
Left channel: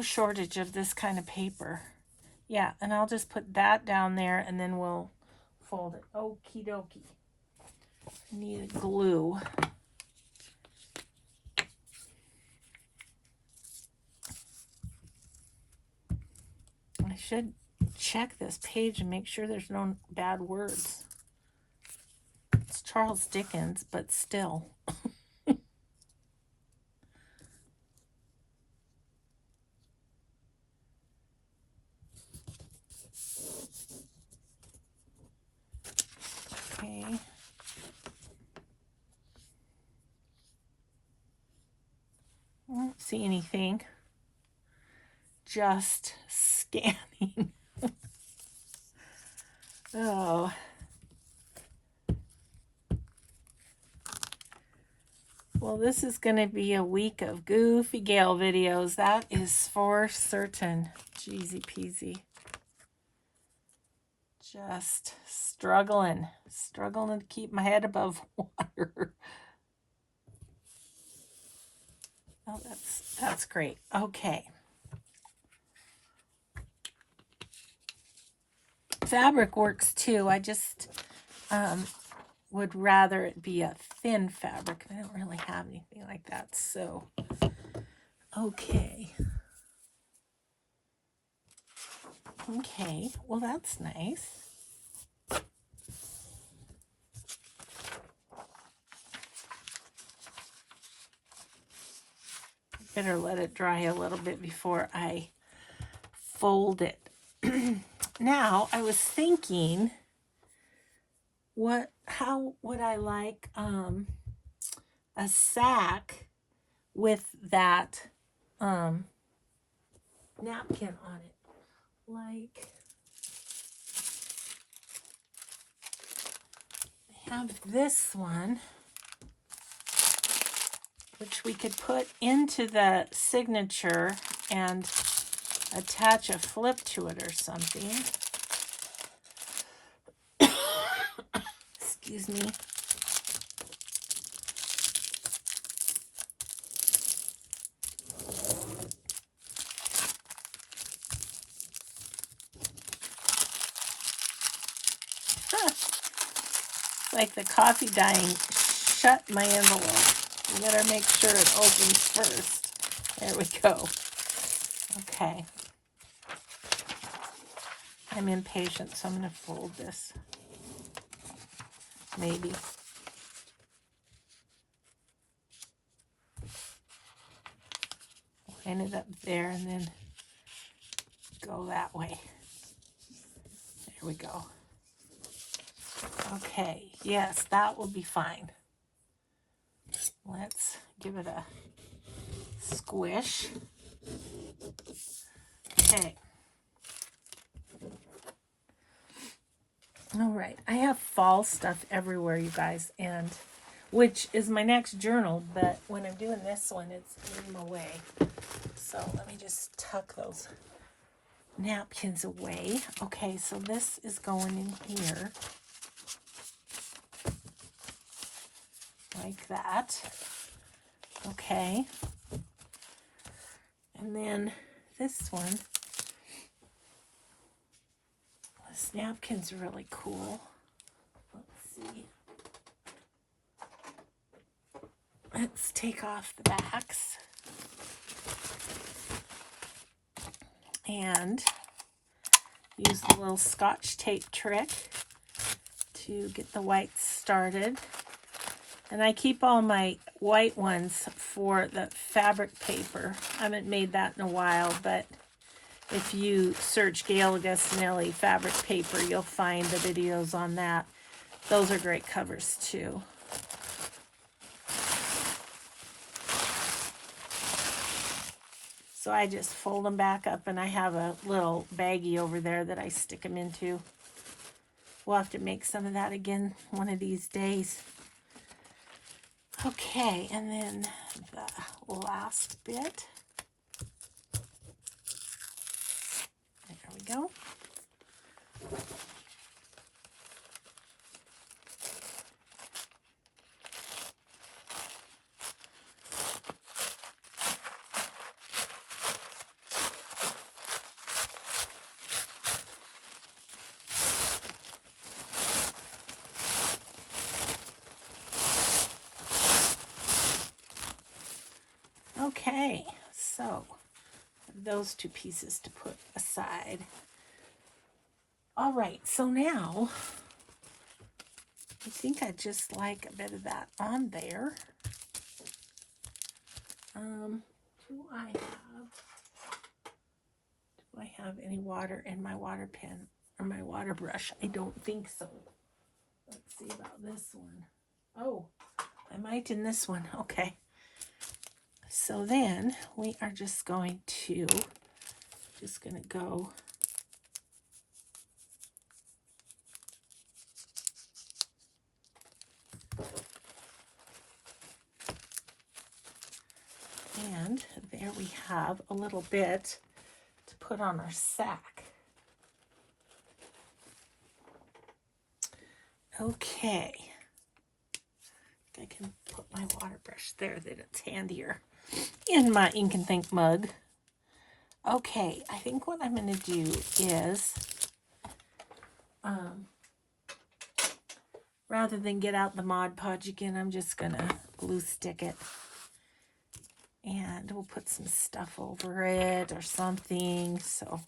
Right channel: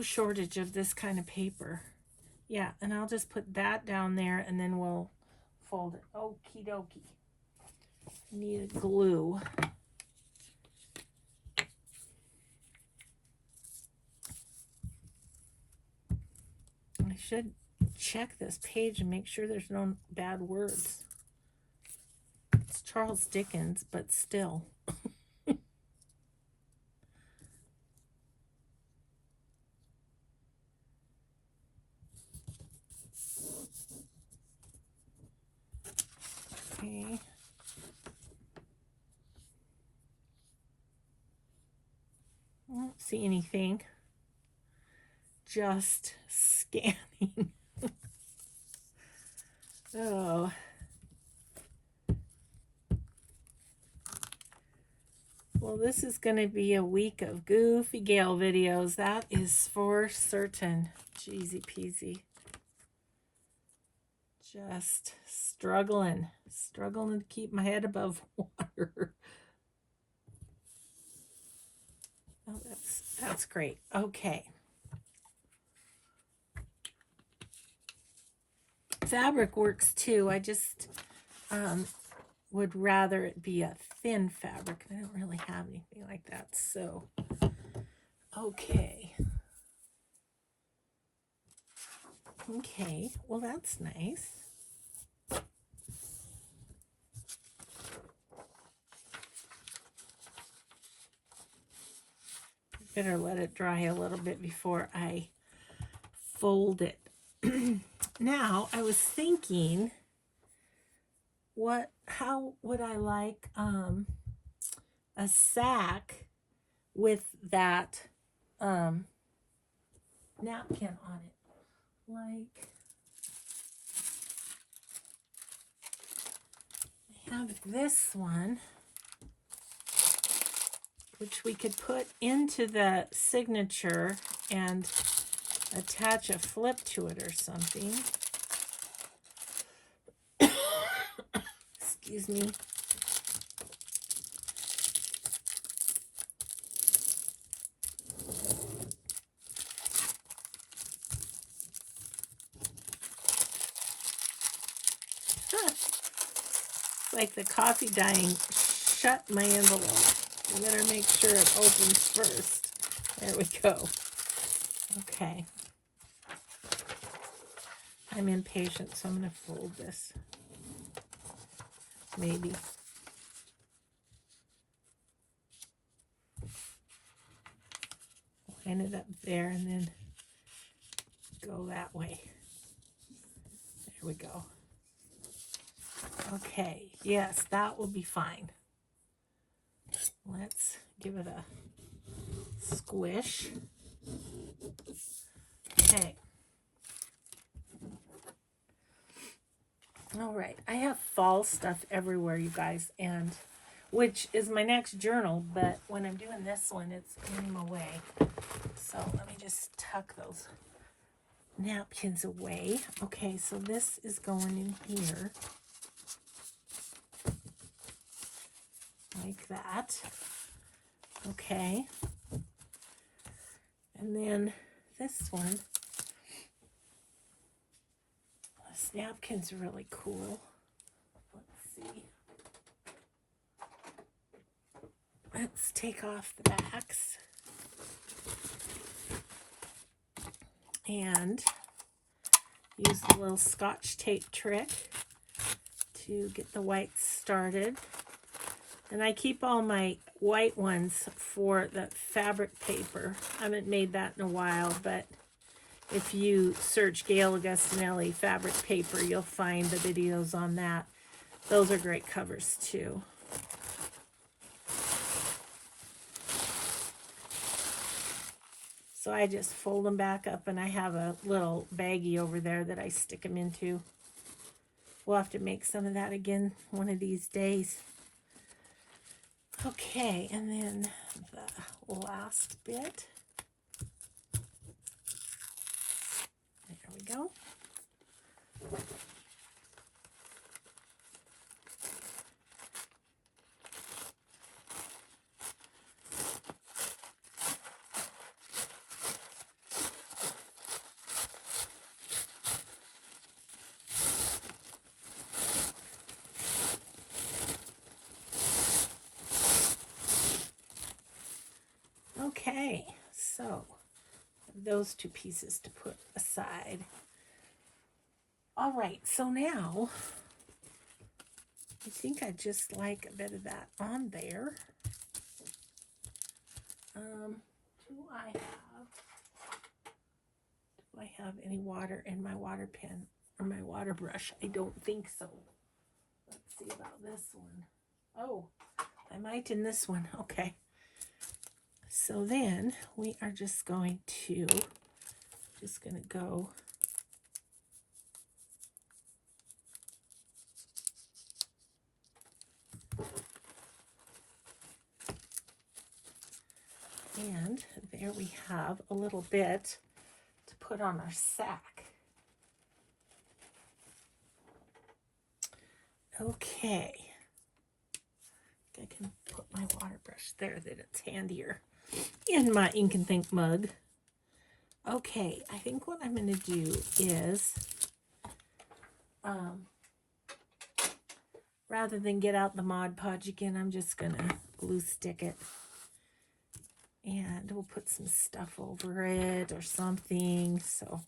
shortage of this kind of paper. Yeah, and I'll just put that down there and then we'll fold it. Okie dokie. Need glue. I should check this page and make sure there's no bad words. It's Charles Dickens, but still. Okay. I don't see anything. Just scanning. Oh. Well, this is going to be a week of Goofy Gale videos. That is for certain. Jeezy peasy. Just struggling to keep my head above water. Oh, that's great. Okay. Fabric works too. I just would rather it be a thin fabric. I don't really have anything like that. So, okay. Okay, well that's nice. Better let it dry a little bit before I fold it. Now, I was thinking, how would I like a sack with that napkin on it? Like, I have this one, which we could put into the signature and attach a flip to it or something. Excuse me. Like the coffee dying shut my envelope. I better make sure it opens first. There we go. Okay. I'm impatient, so I'm going to fold this. Maybe. line it up there and then go that way. There we go. Okay, yes, that will be fine. Let's give it a squish. Okay. All right, I have fall stuff everywhere, you guys, and which is my next journal, but when I'm doing this one, it's in my way. So let me just tuck those napkins away. Okay, so this is going in here. Like that. Okay. And then this one. This napkin's really cool. Let's see. Let's take off the backs. And use the little Scotch tape trick to get the whites started. And I keep all my white ones for the fabric paper. I haven't made that in a while, but if you search Gail Augustinelli fabric paper, you'll find the videos on that. Those are great covers too. So I just fold them back up, and I have a little baggie over there that I stick them into. We'll have to make some of that again one of these days. Okay, and then the last bit. There we go. Okay, so those two pieces to put aside. All right, so now I think I just like a bit of that on there. Do I have any water in my water pen or my water brush? I don't think so. Let's see about this one. Oh, I might in this one. Okay. So then we are just going to go and there we have a little bit to put on our sack. Okay. I can put my water brush there that it's handier in my ink and think mug. Okay, I think what I'm going to do is, rather than get out the Mod Podge again, I'm just going to glue stick it. And we'll put some stuff over it or something, so.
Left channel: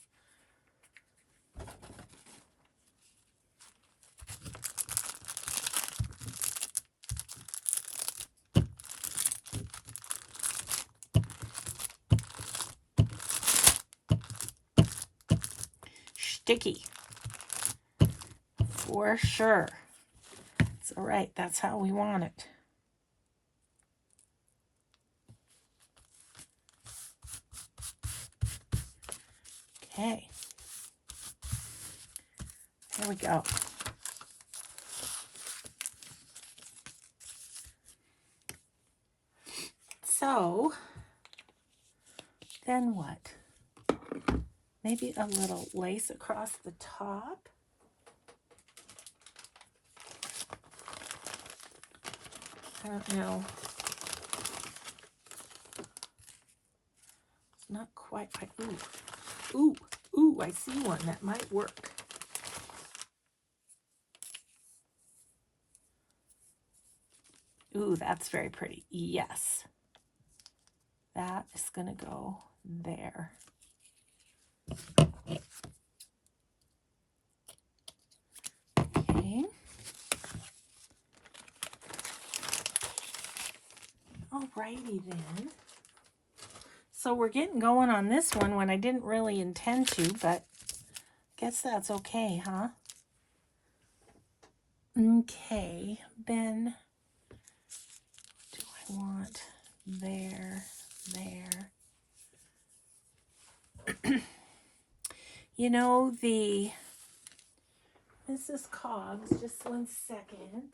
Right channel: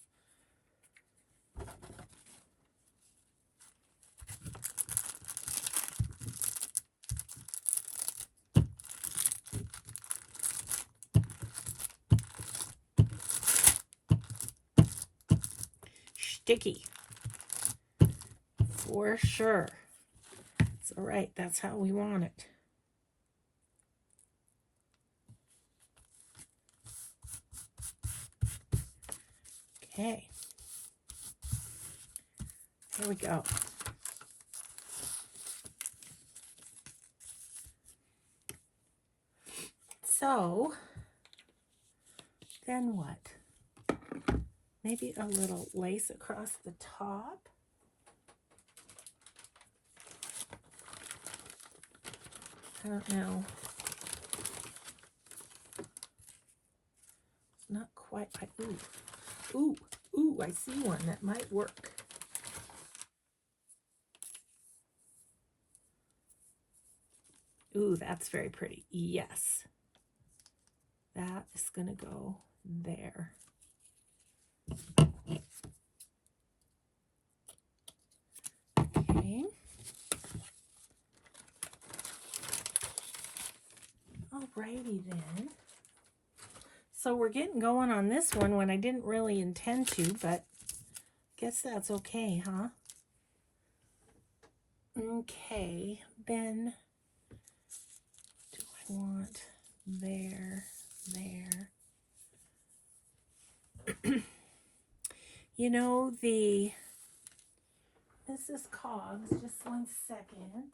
Sticky. For sure. It's all right. That's how we want it. Okay. There we go. So, then what? Maybe a little lace across the top. I don't know. It's not quite right. Ooh, I see one that might work. Ooh, that's very pretty. Yes. That is going to go there. Okay. Alrighty then. So we're getting going on this one when I didn't really intend to, but guess that's okay, huh? Okay, then do I want there? You know, the Mrs. Cogs, just 1 second.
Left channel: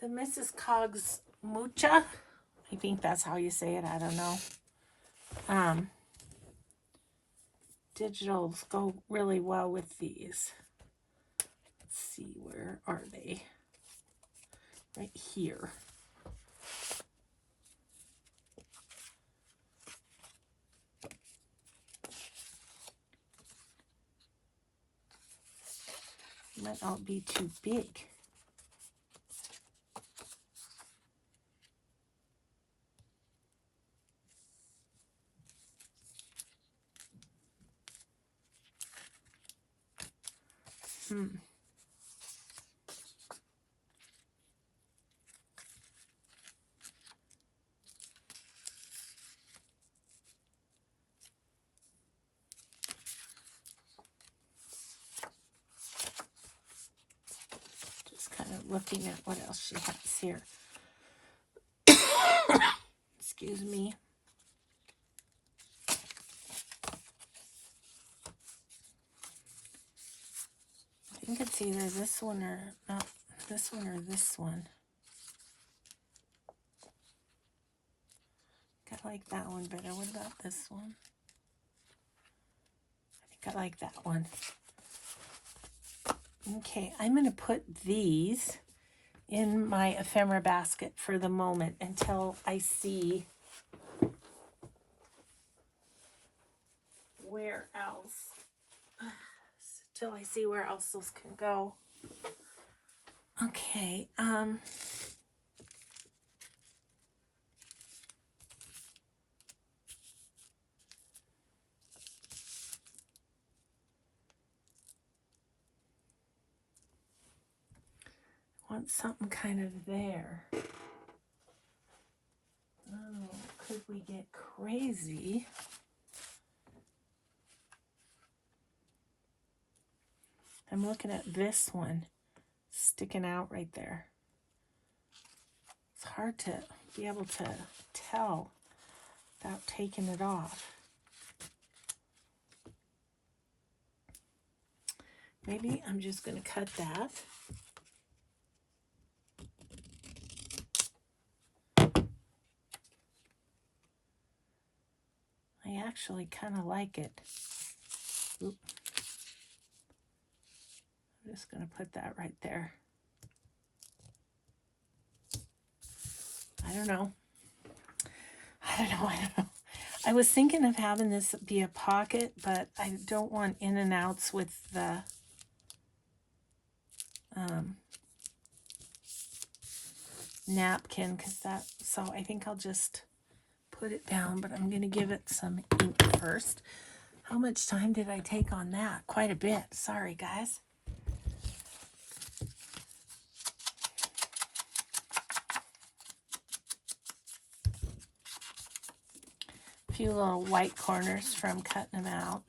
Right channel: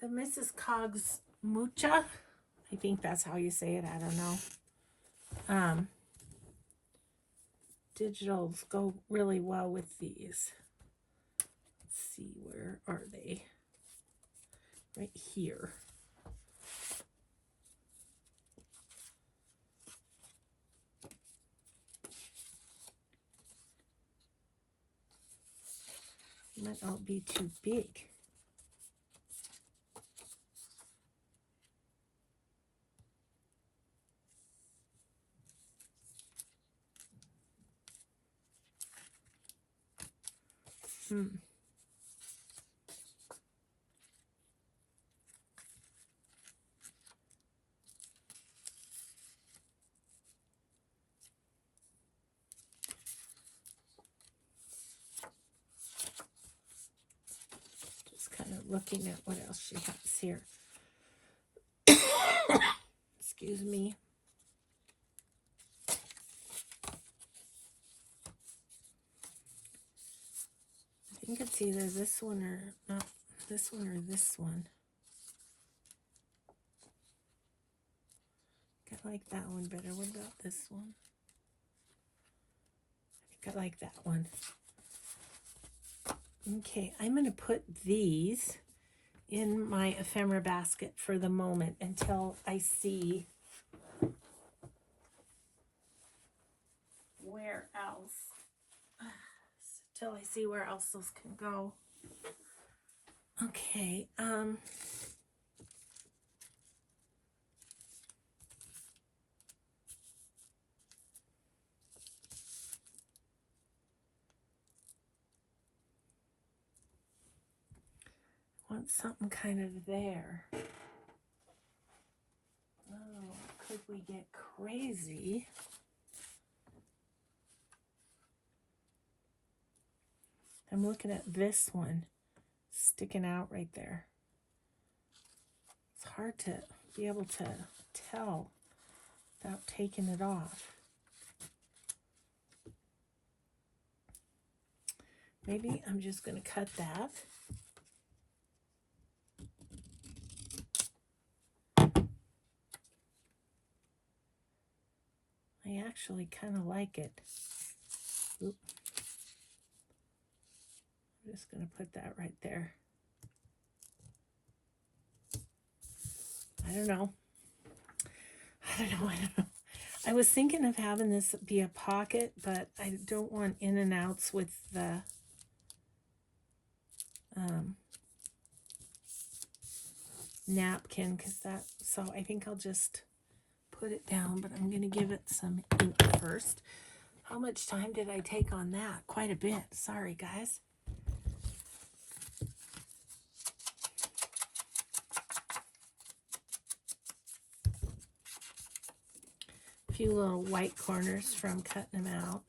The Mrs. Cogs Mucha, I think that's how you say it, I don't know. Digitals go really well with these. Let's see, where are they? Right here. Might not be too big. Just kind of looking at what else she has here. Excuse me. I think it's either this one or not this one or this one. I like that one better. What about this one? I think I like that one. Okay, I'm going to put these in my ephemera basket for the moment until I see where else. Till I see where else those can go. Okay, want something kind of there. Oh, could we get crazy? I'm looking at this one sticking out right there. It's hard to be able to tell without taking it off. Maybe I'm just going to cut that. I actually kind of like it. Oop. I'm just going to put that right there. I don't know. I was thinking of having this be a pocket, but I don't want in and outs with the napkin, so I think I'll just put it down, but I'm going to give it some ink first. How much time did I take on that? Quite a bit. Sorry, guys. A few little white corners from cutting them out.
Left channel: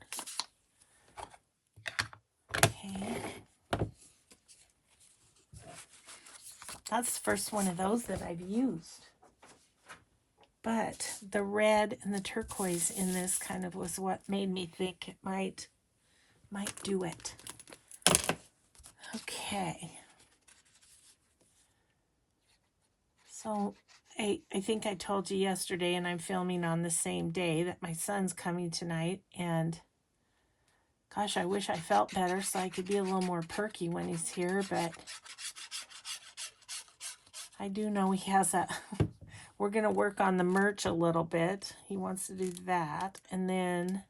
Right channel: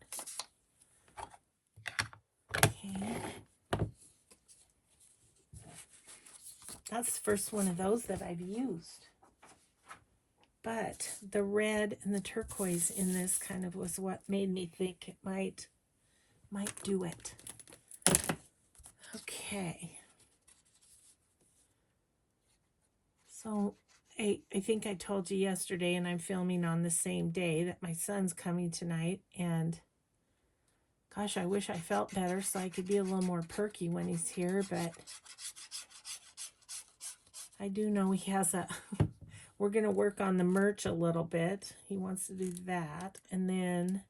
Okay. That's the first one of those that I've used. But the red and the turquoise in this kind of was what made me think it might do it. Okay. So I think I told you yesterday, and I'm filming on the same day, that my son's coming tonight, and gosh, I wish I felt better so I could be a little more perky when he's here, but I do know he has a... We're going to work on the merch a little bit. He wants to do that. And then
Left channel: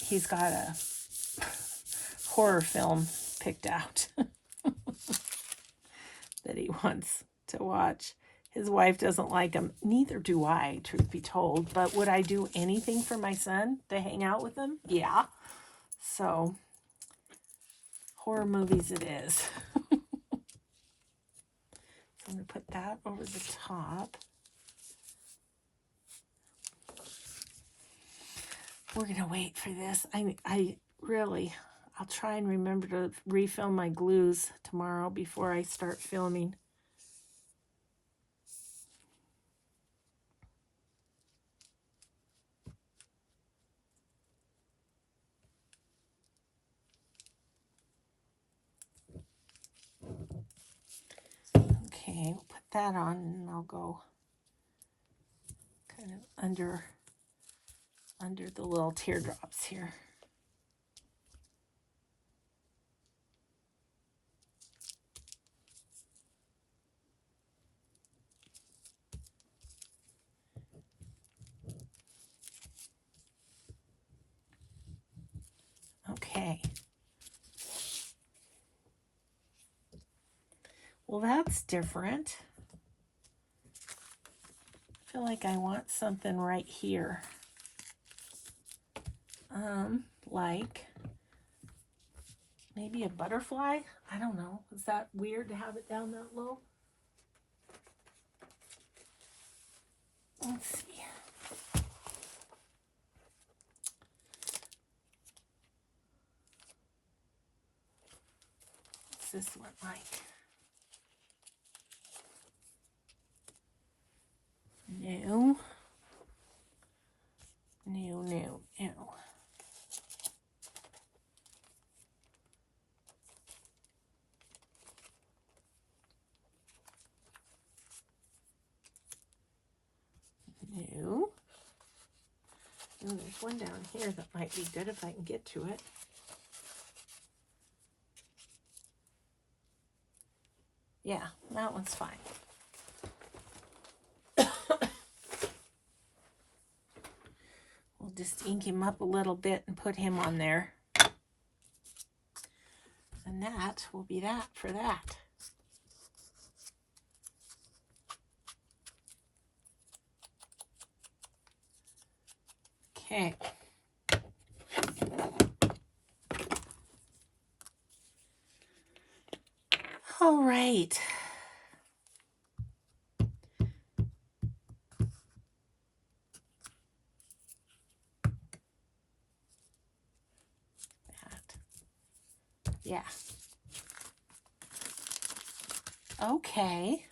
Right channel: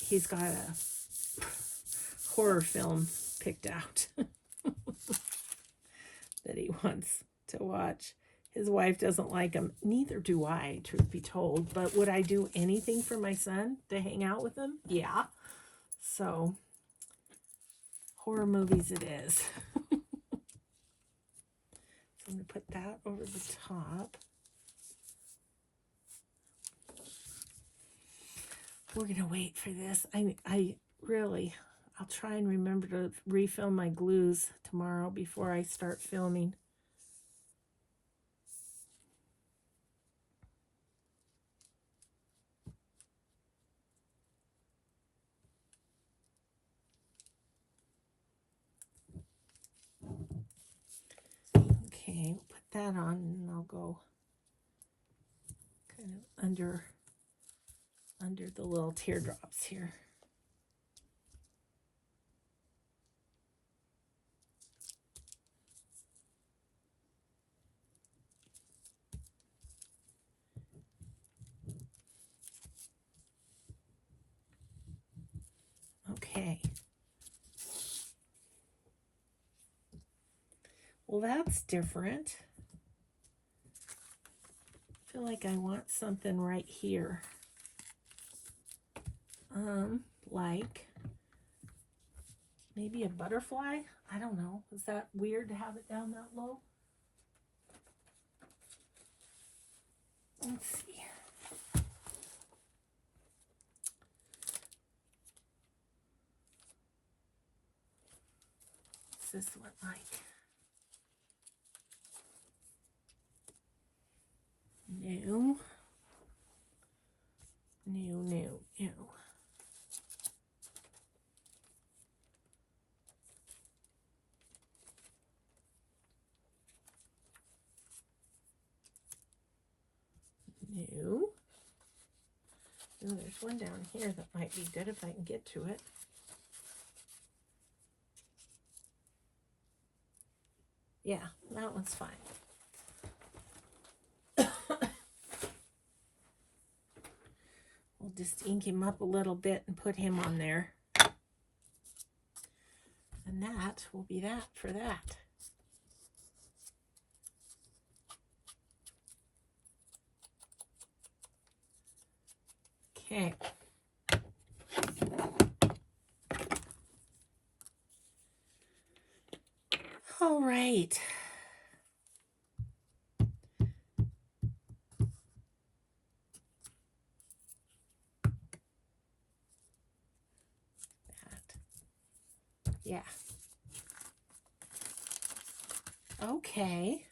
he's got a horror film picked out that he wants to watch. His wife doesn't like him. Neither do I, truth be told. But would I do anything for my son to hang out with him? Yeah. So... horror movies it is. So I'm going to put that over the top. We're going to wait for this. I really, I'll try and remember to refill my glues tomorrow before I start filming. Okay, we'll put that on and I'll go kind of under the little teardrops here. Okay. Well, that's different. I feel like I want something right here. Like maybe a butterfly? I don't know. Is that weird to have it down that low? Let's see. What's this one like? New. New, new, new. New. Ooh, there's one down here that might be good if I can get to it. Yeah, that one's fine. We'll just ink him up a little bit and put him on there. And that will be that for that. Okay. All right. Yeah. Okay.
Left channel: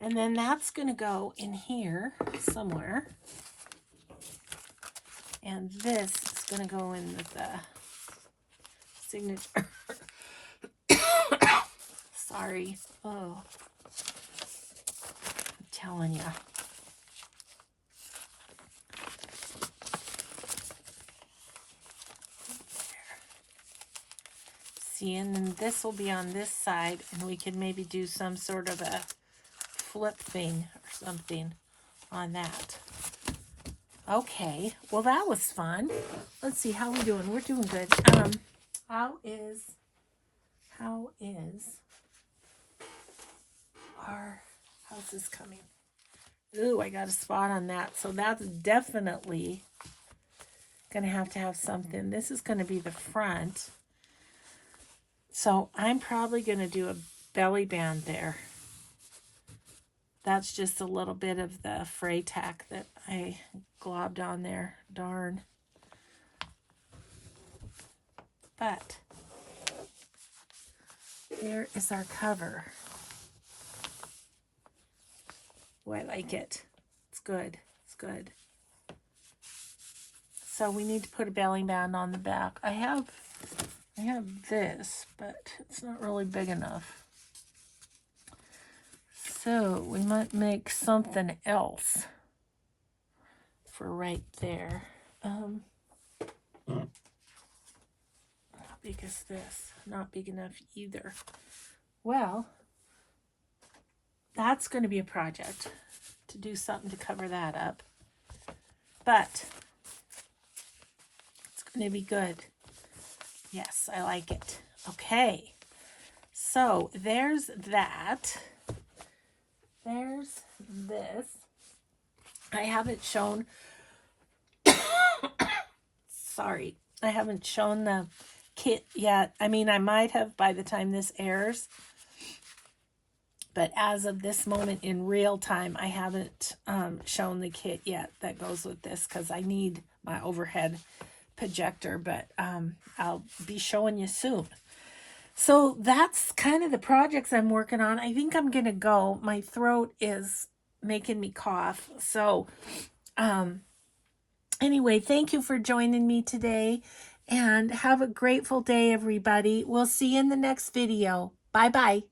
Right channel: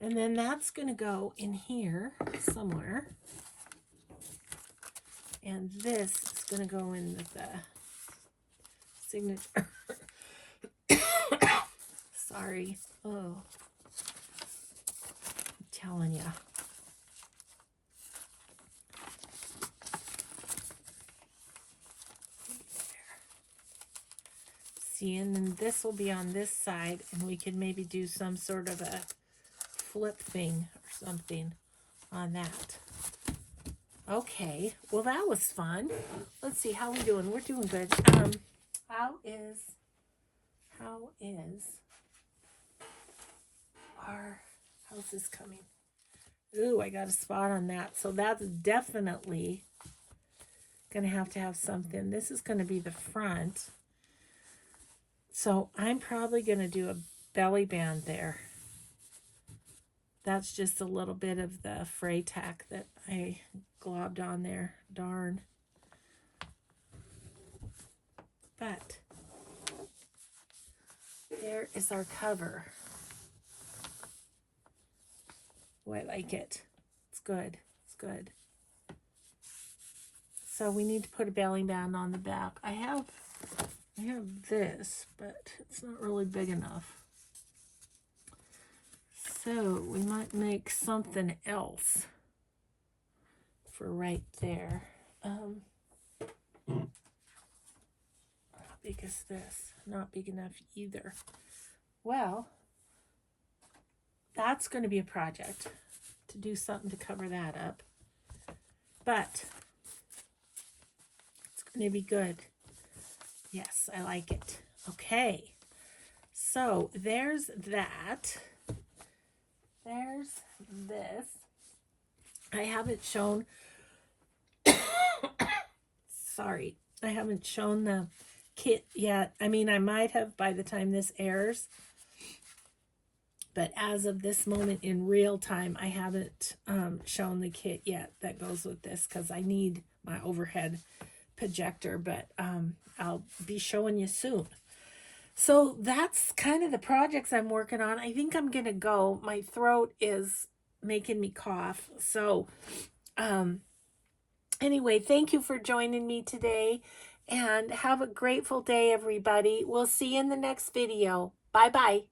And then that's going to go in here somewhere. And this is going to go in the signature. Sorry. Oh. I'm telling you. See, and then this will be on this side, and we could maybe do some sort of a flip thing or something on that. Okay, well that was fun. Let's see how we're doing. We're doing good. How's this coming? Ooh, I got a spot on that. So that's definitely gonna have to have something. This is gonna be the front. So I'm probably gonna do a belly band there. That's just a little bit of the fray tack that I globbed on there. Darn. But there is our cover. Oh, I like it. It's good. It's good. So we need to put a belly band on the back. I have this, but it's not really big enough. So we might make something else for right there. How big is this? Not big enough either. Well, that's going to be a project to do something to cover that up. But it's going to be good. Yes, I like it. Okay. So there's that. There's this. I haven't shown, sorry, I haven't shown the kit yet. I mean, I might have by the time this airs, but as of this moment in real time, I haven't shown the kit yet that goes with this because I need my overhead projector, but I'll be showing you soon. So that's kind of the projects I'm working on. I think I'm gonna go. My throat is making me cough. So anyway, thank you for joining me today, and have a grateful day, everybody. We'll see you in the next video. Bye bye.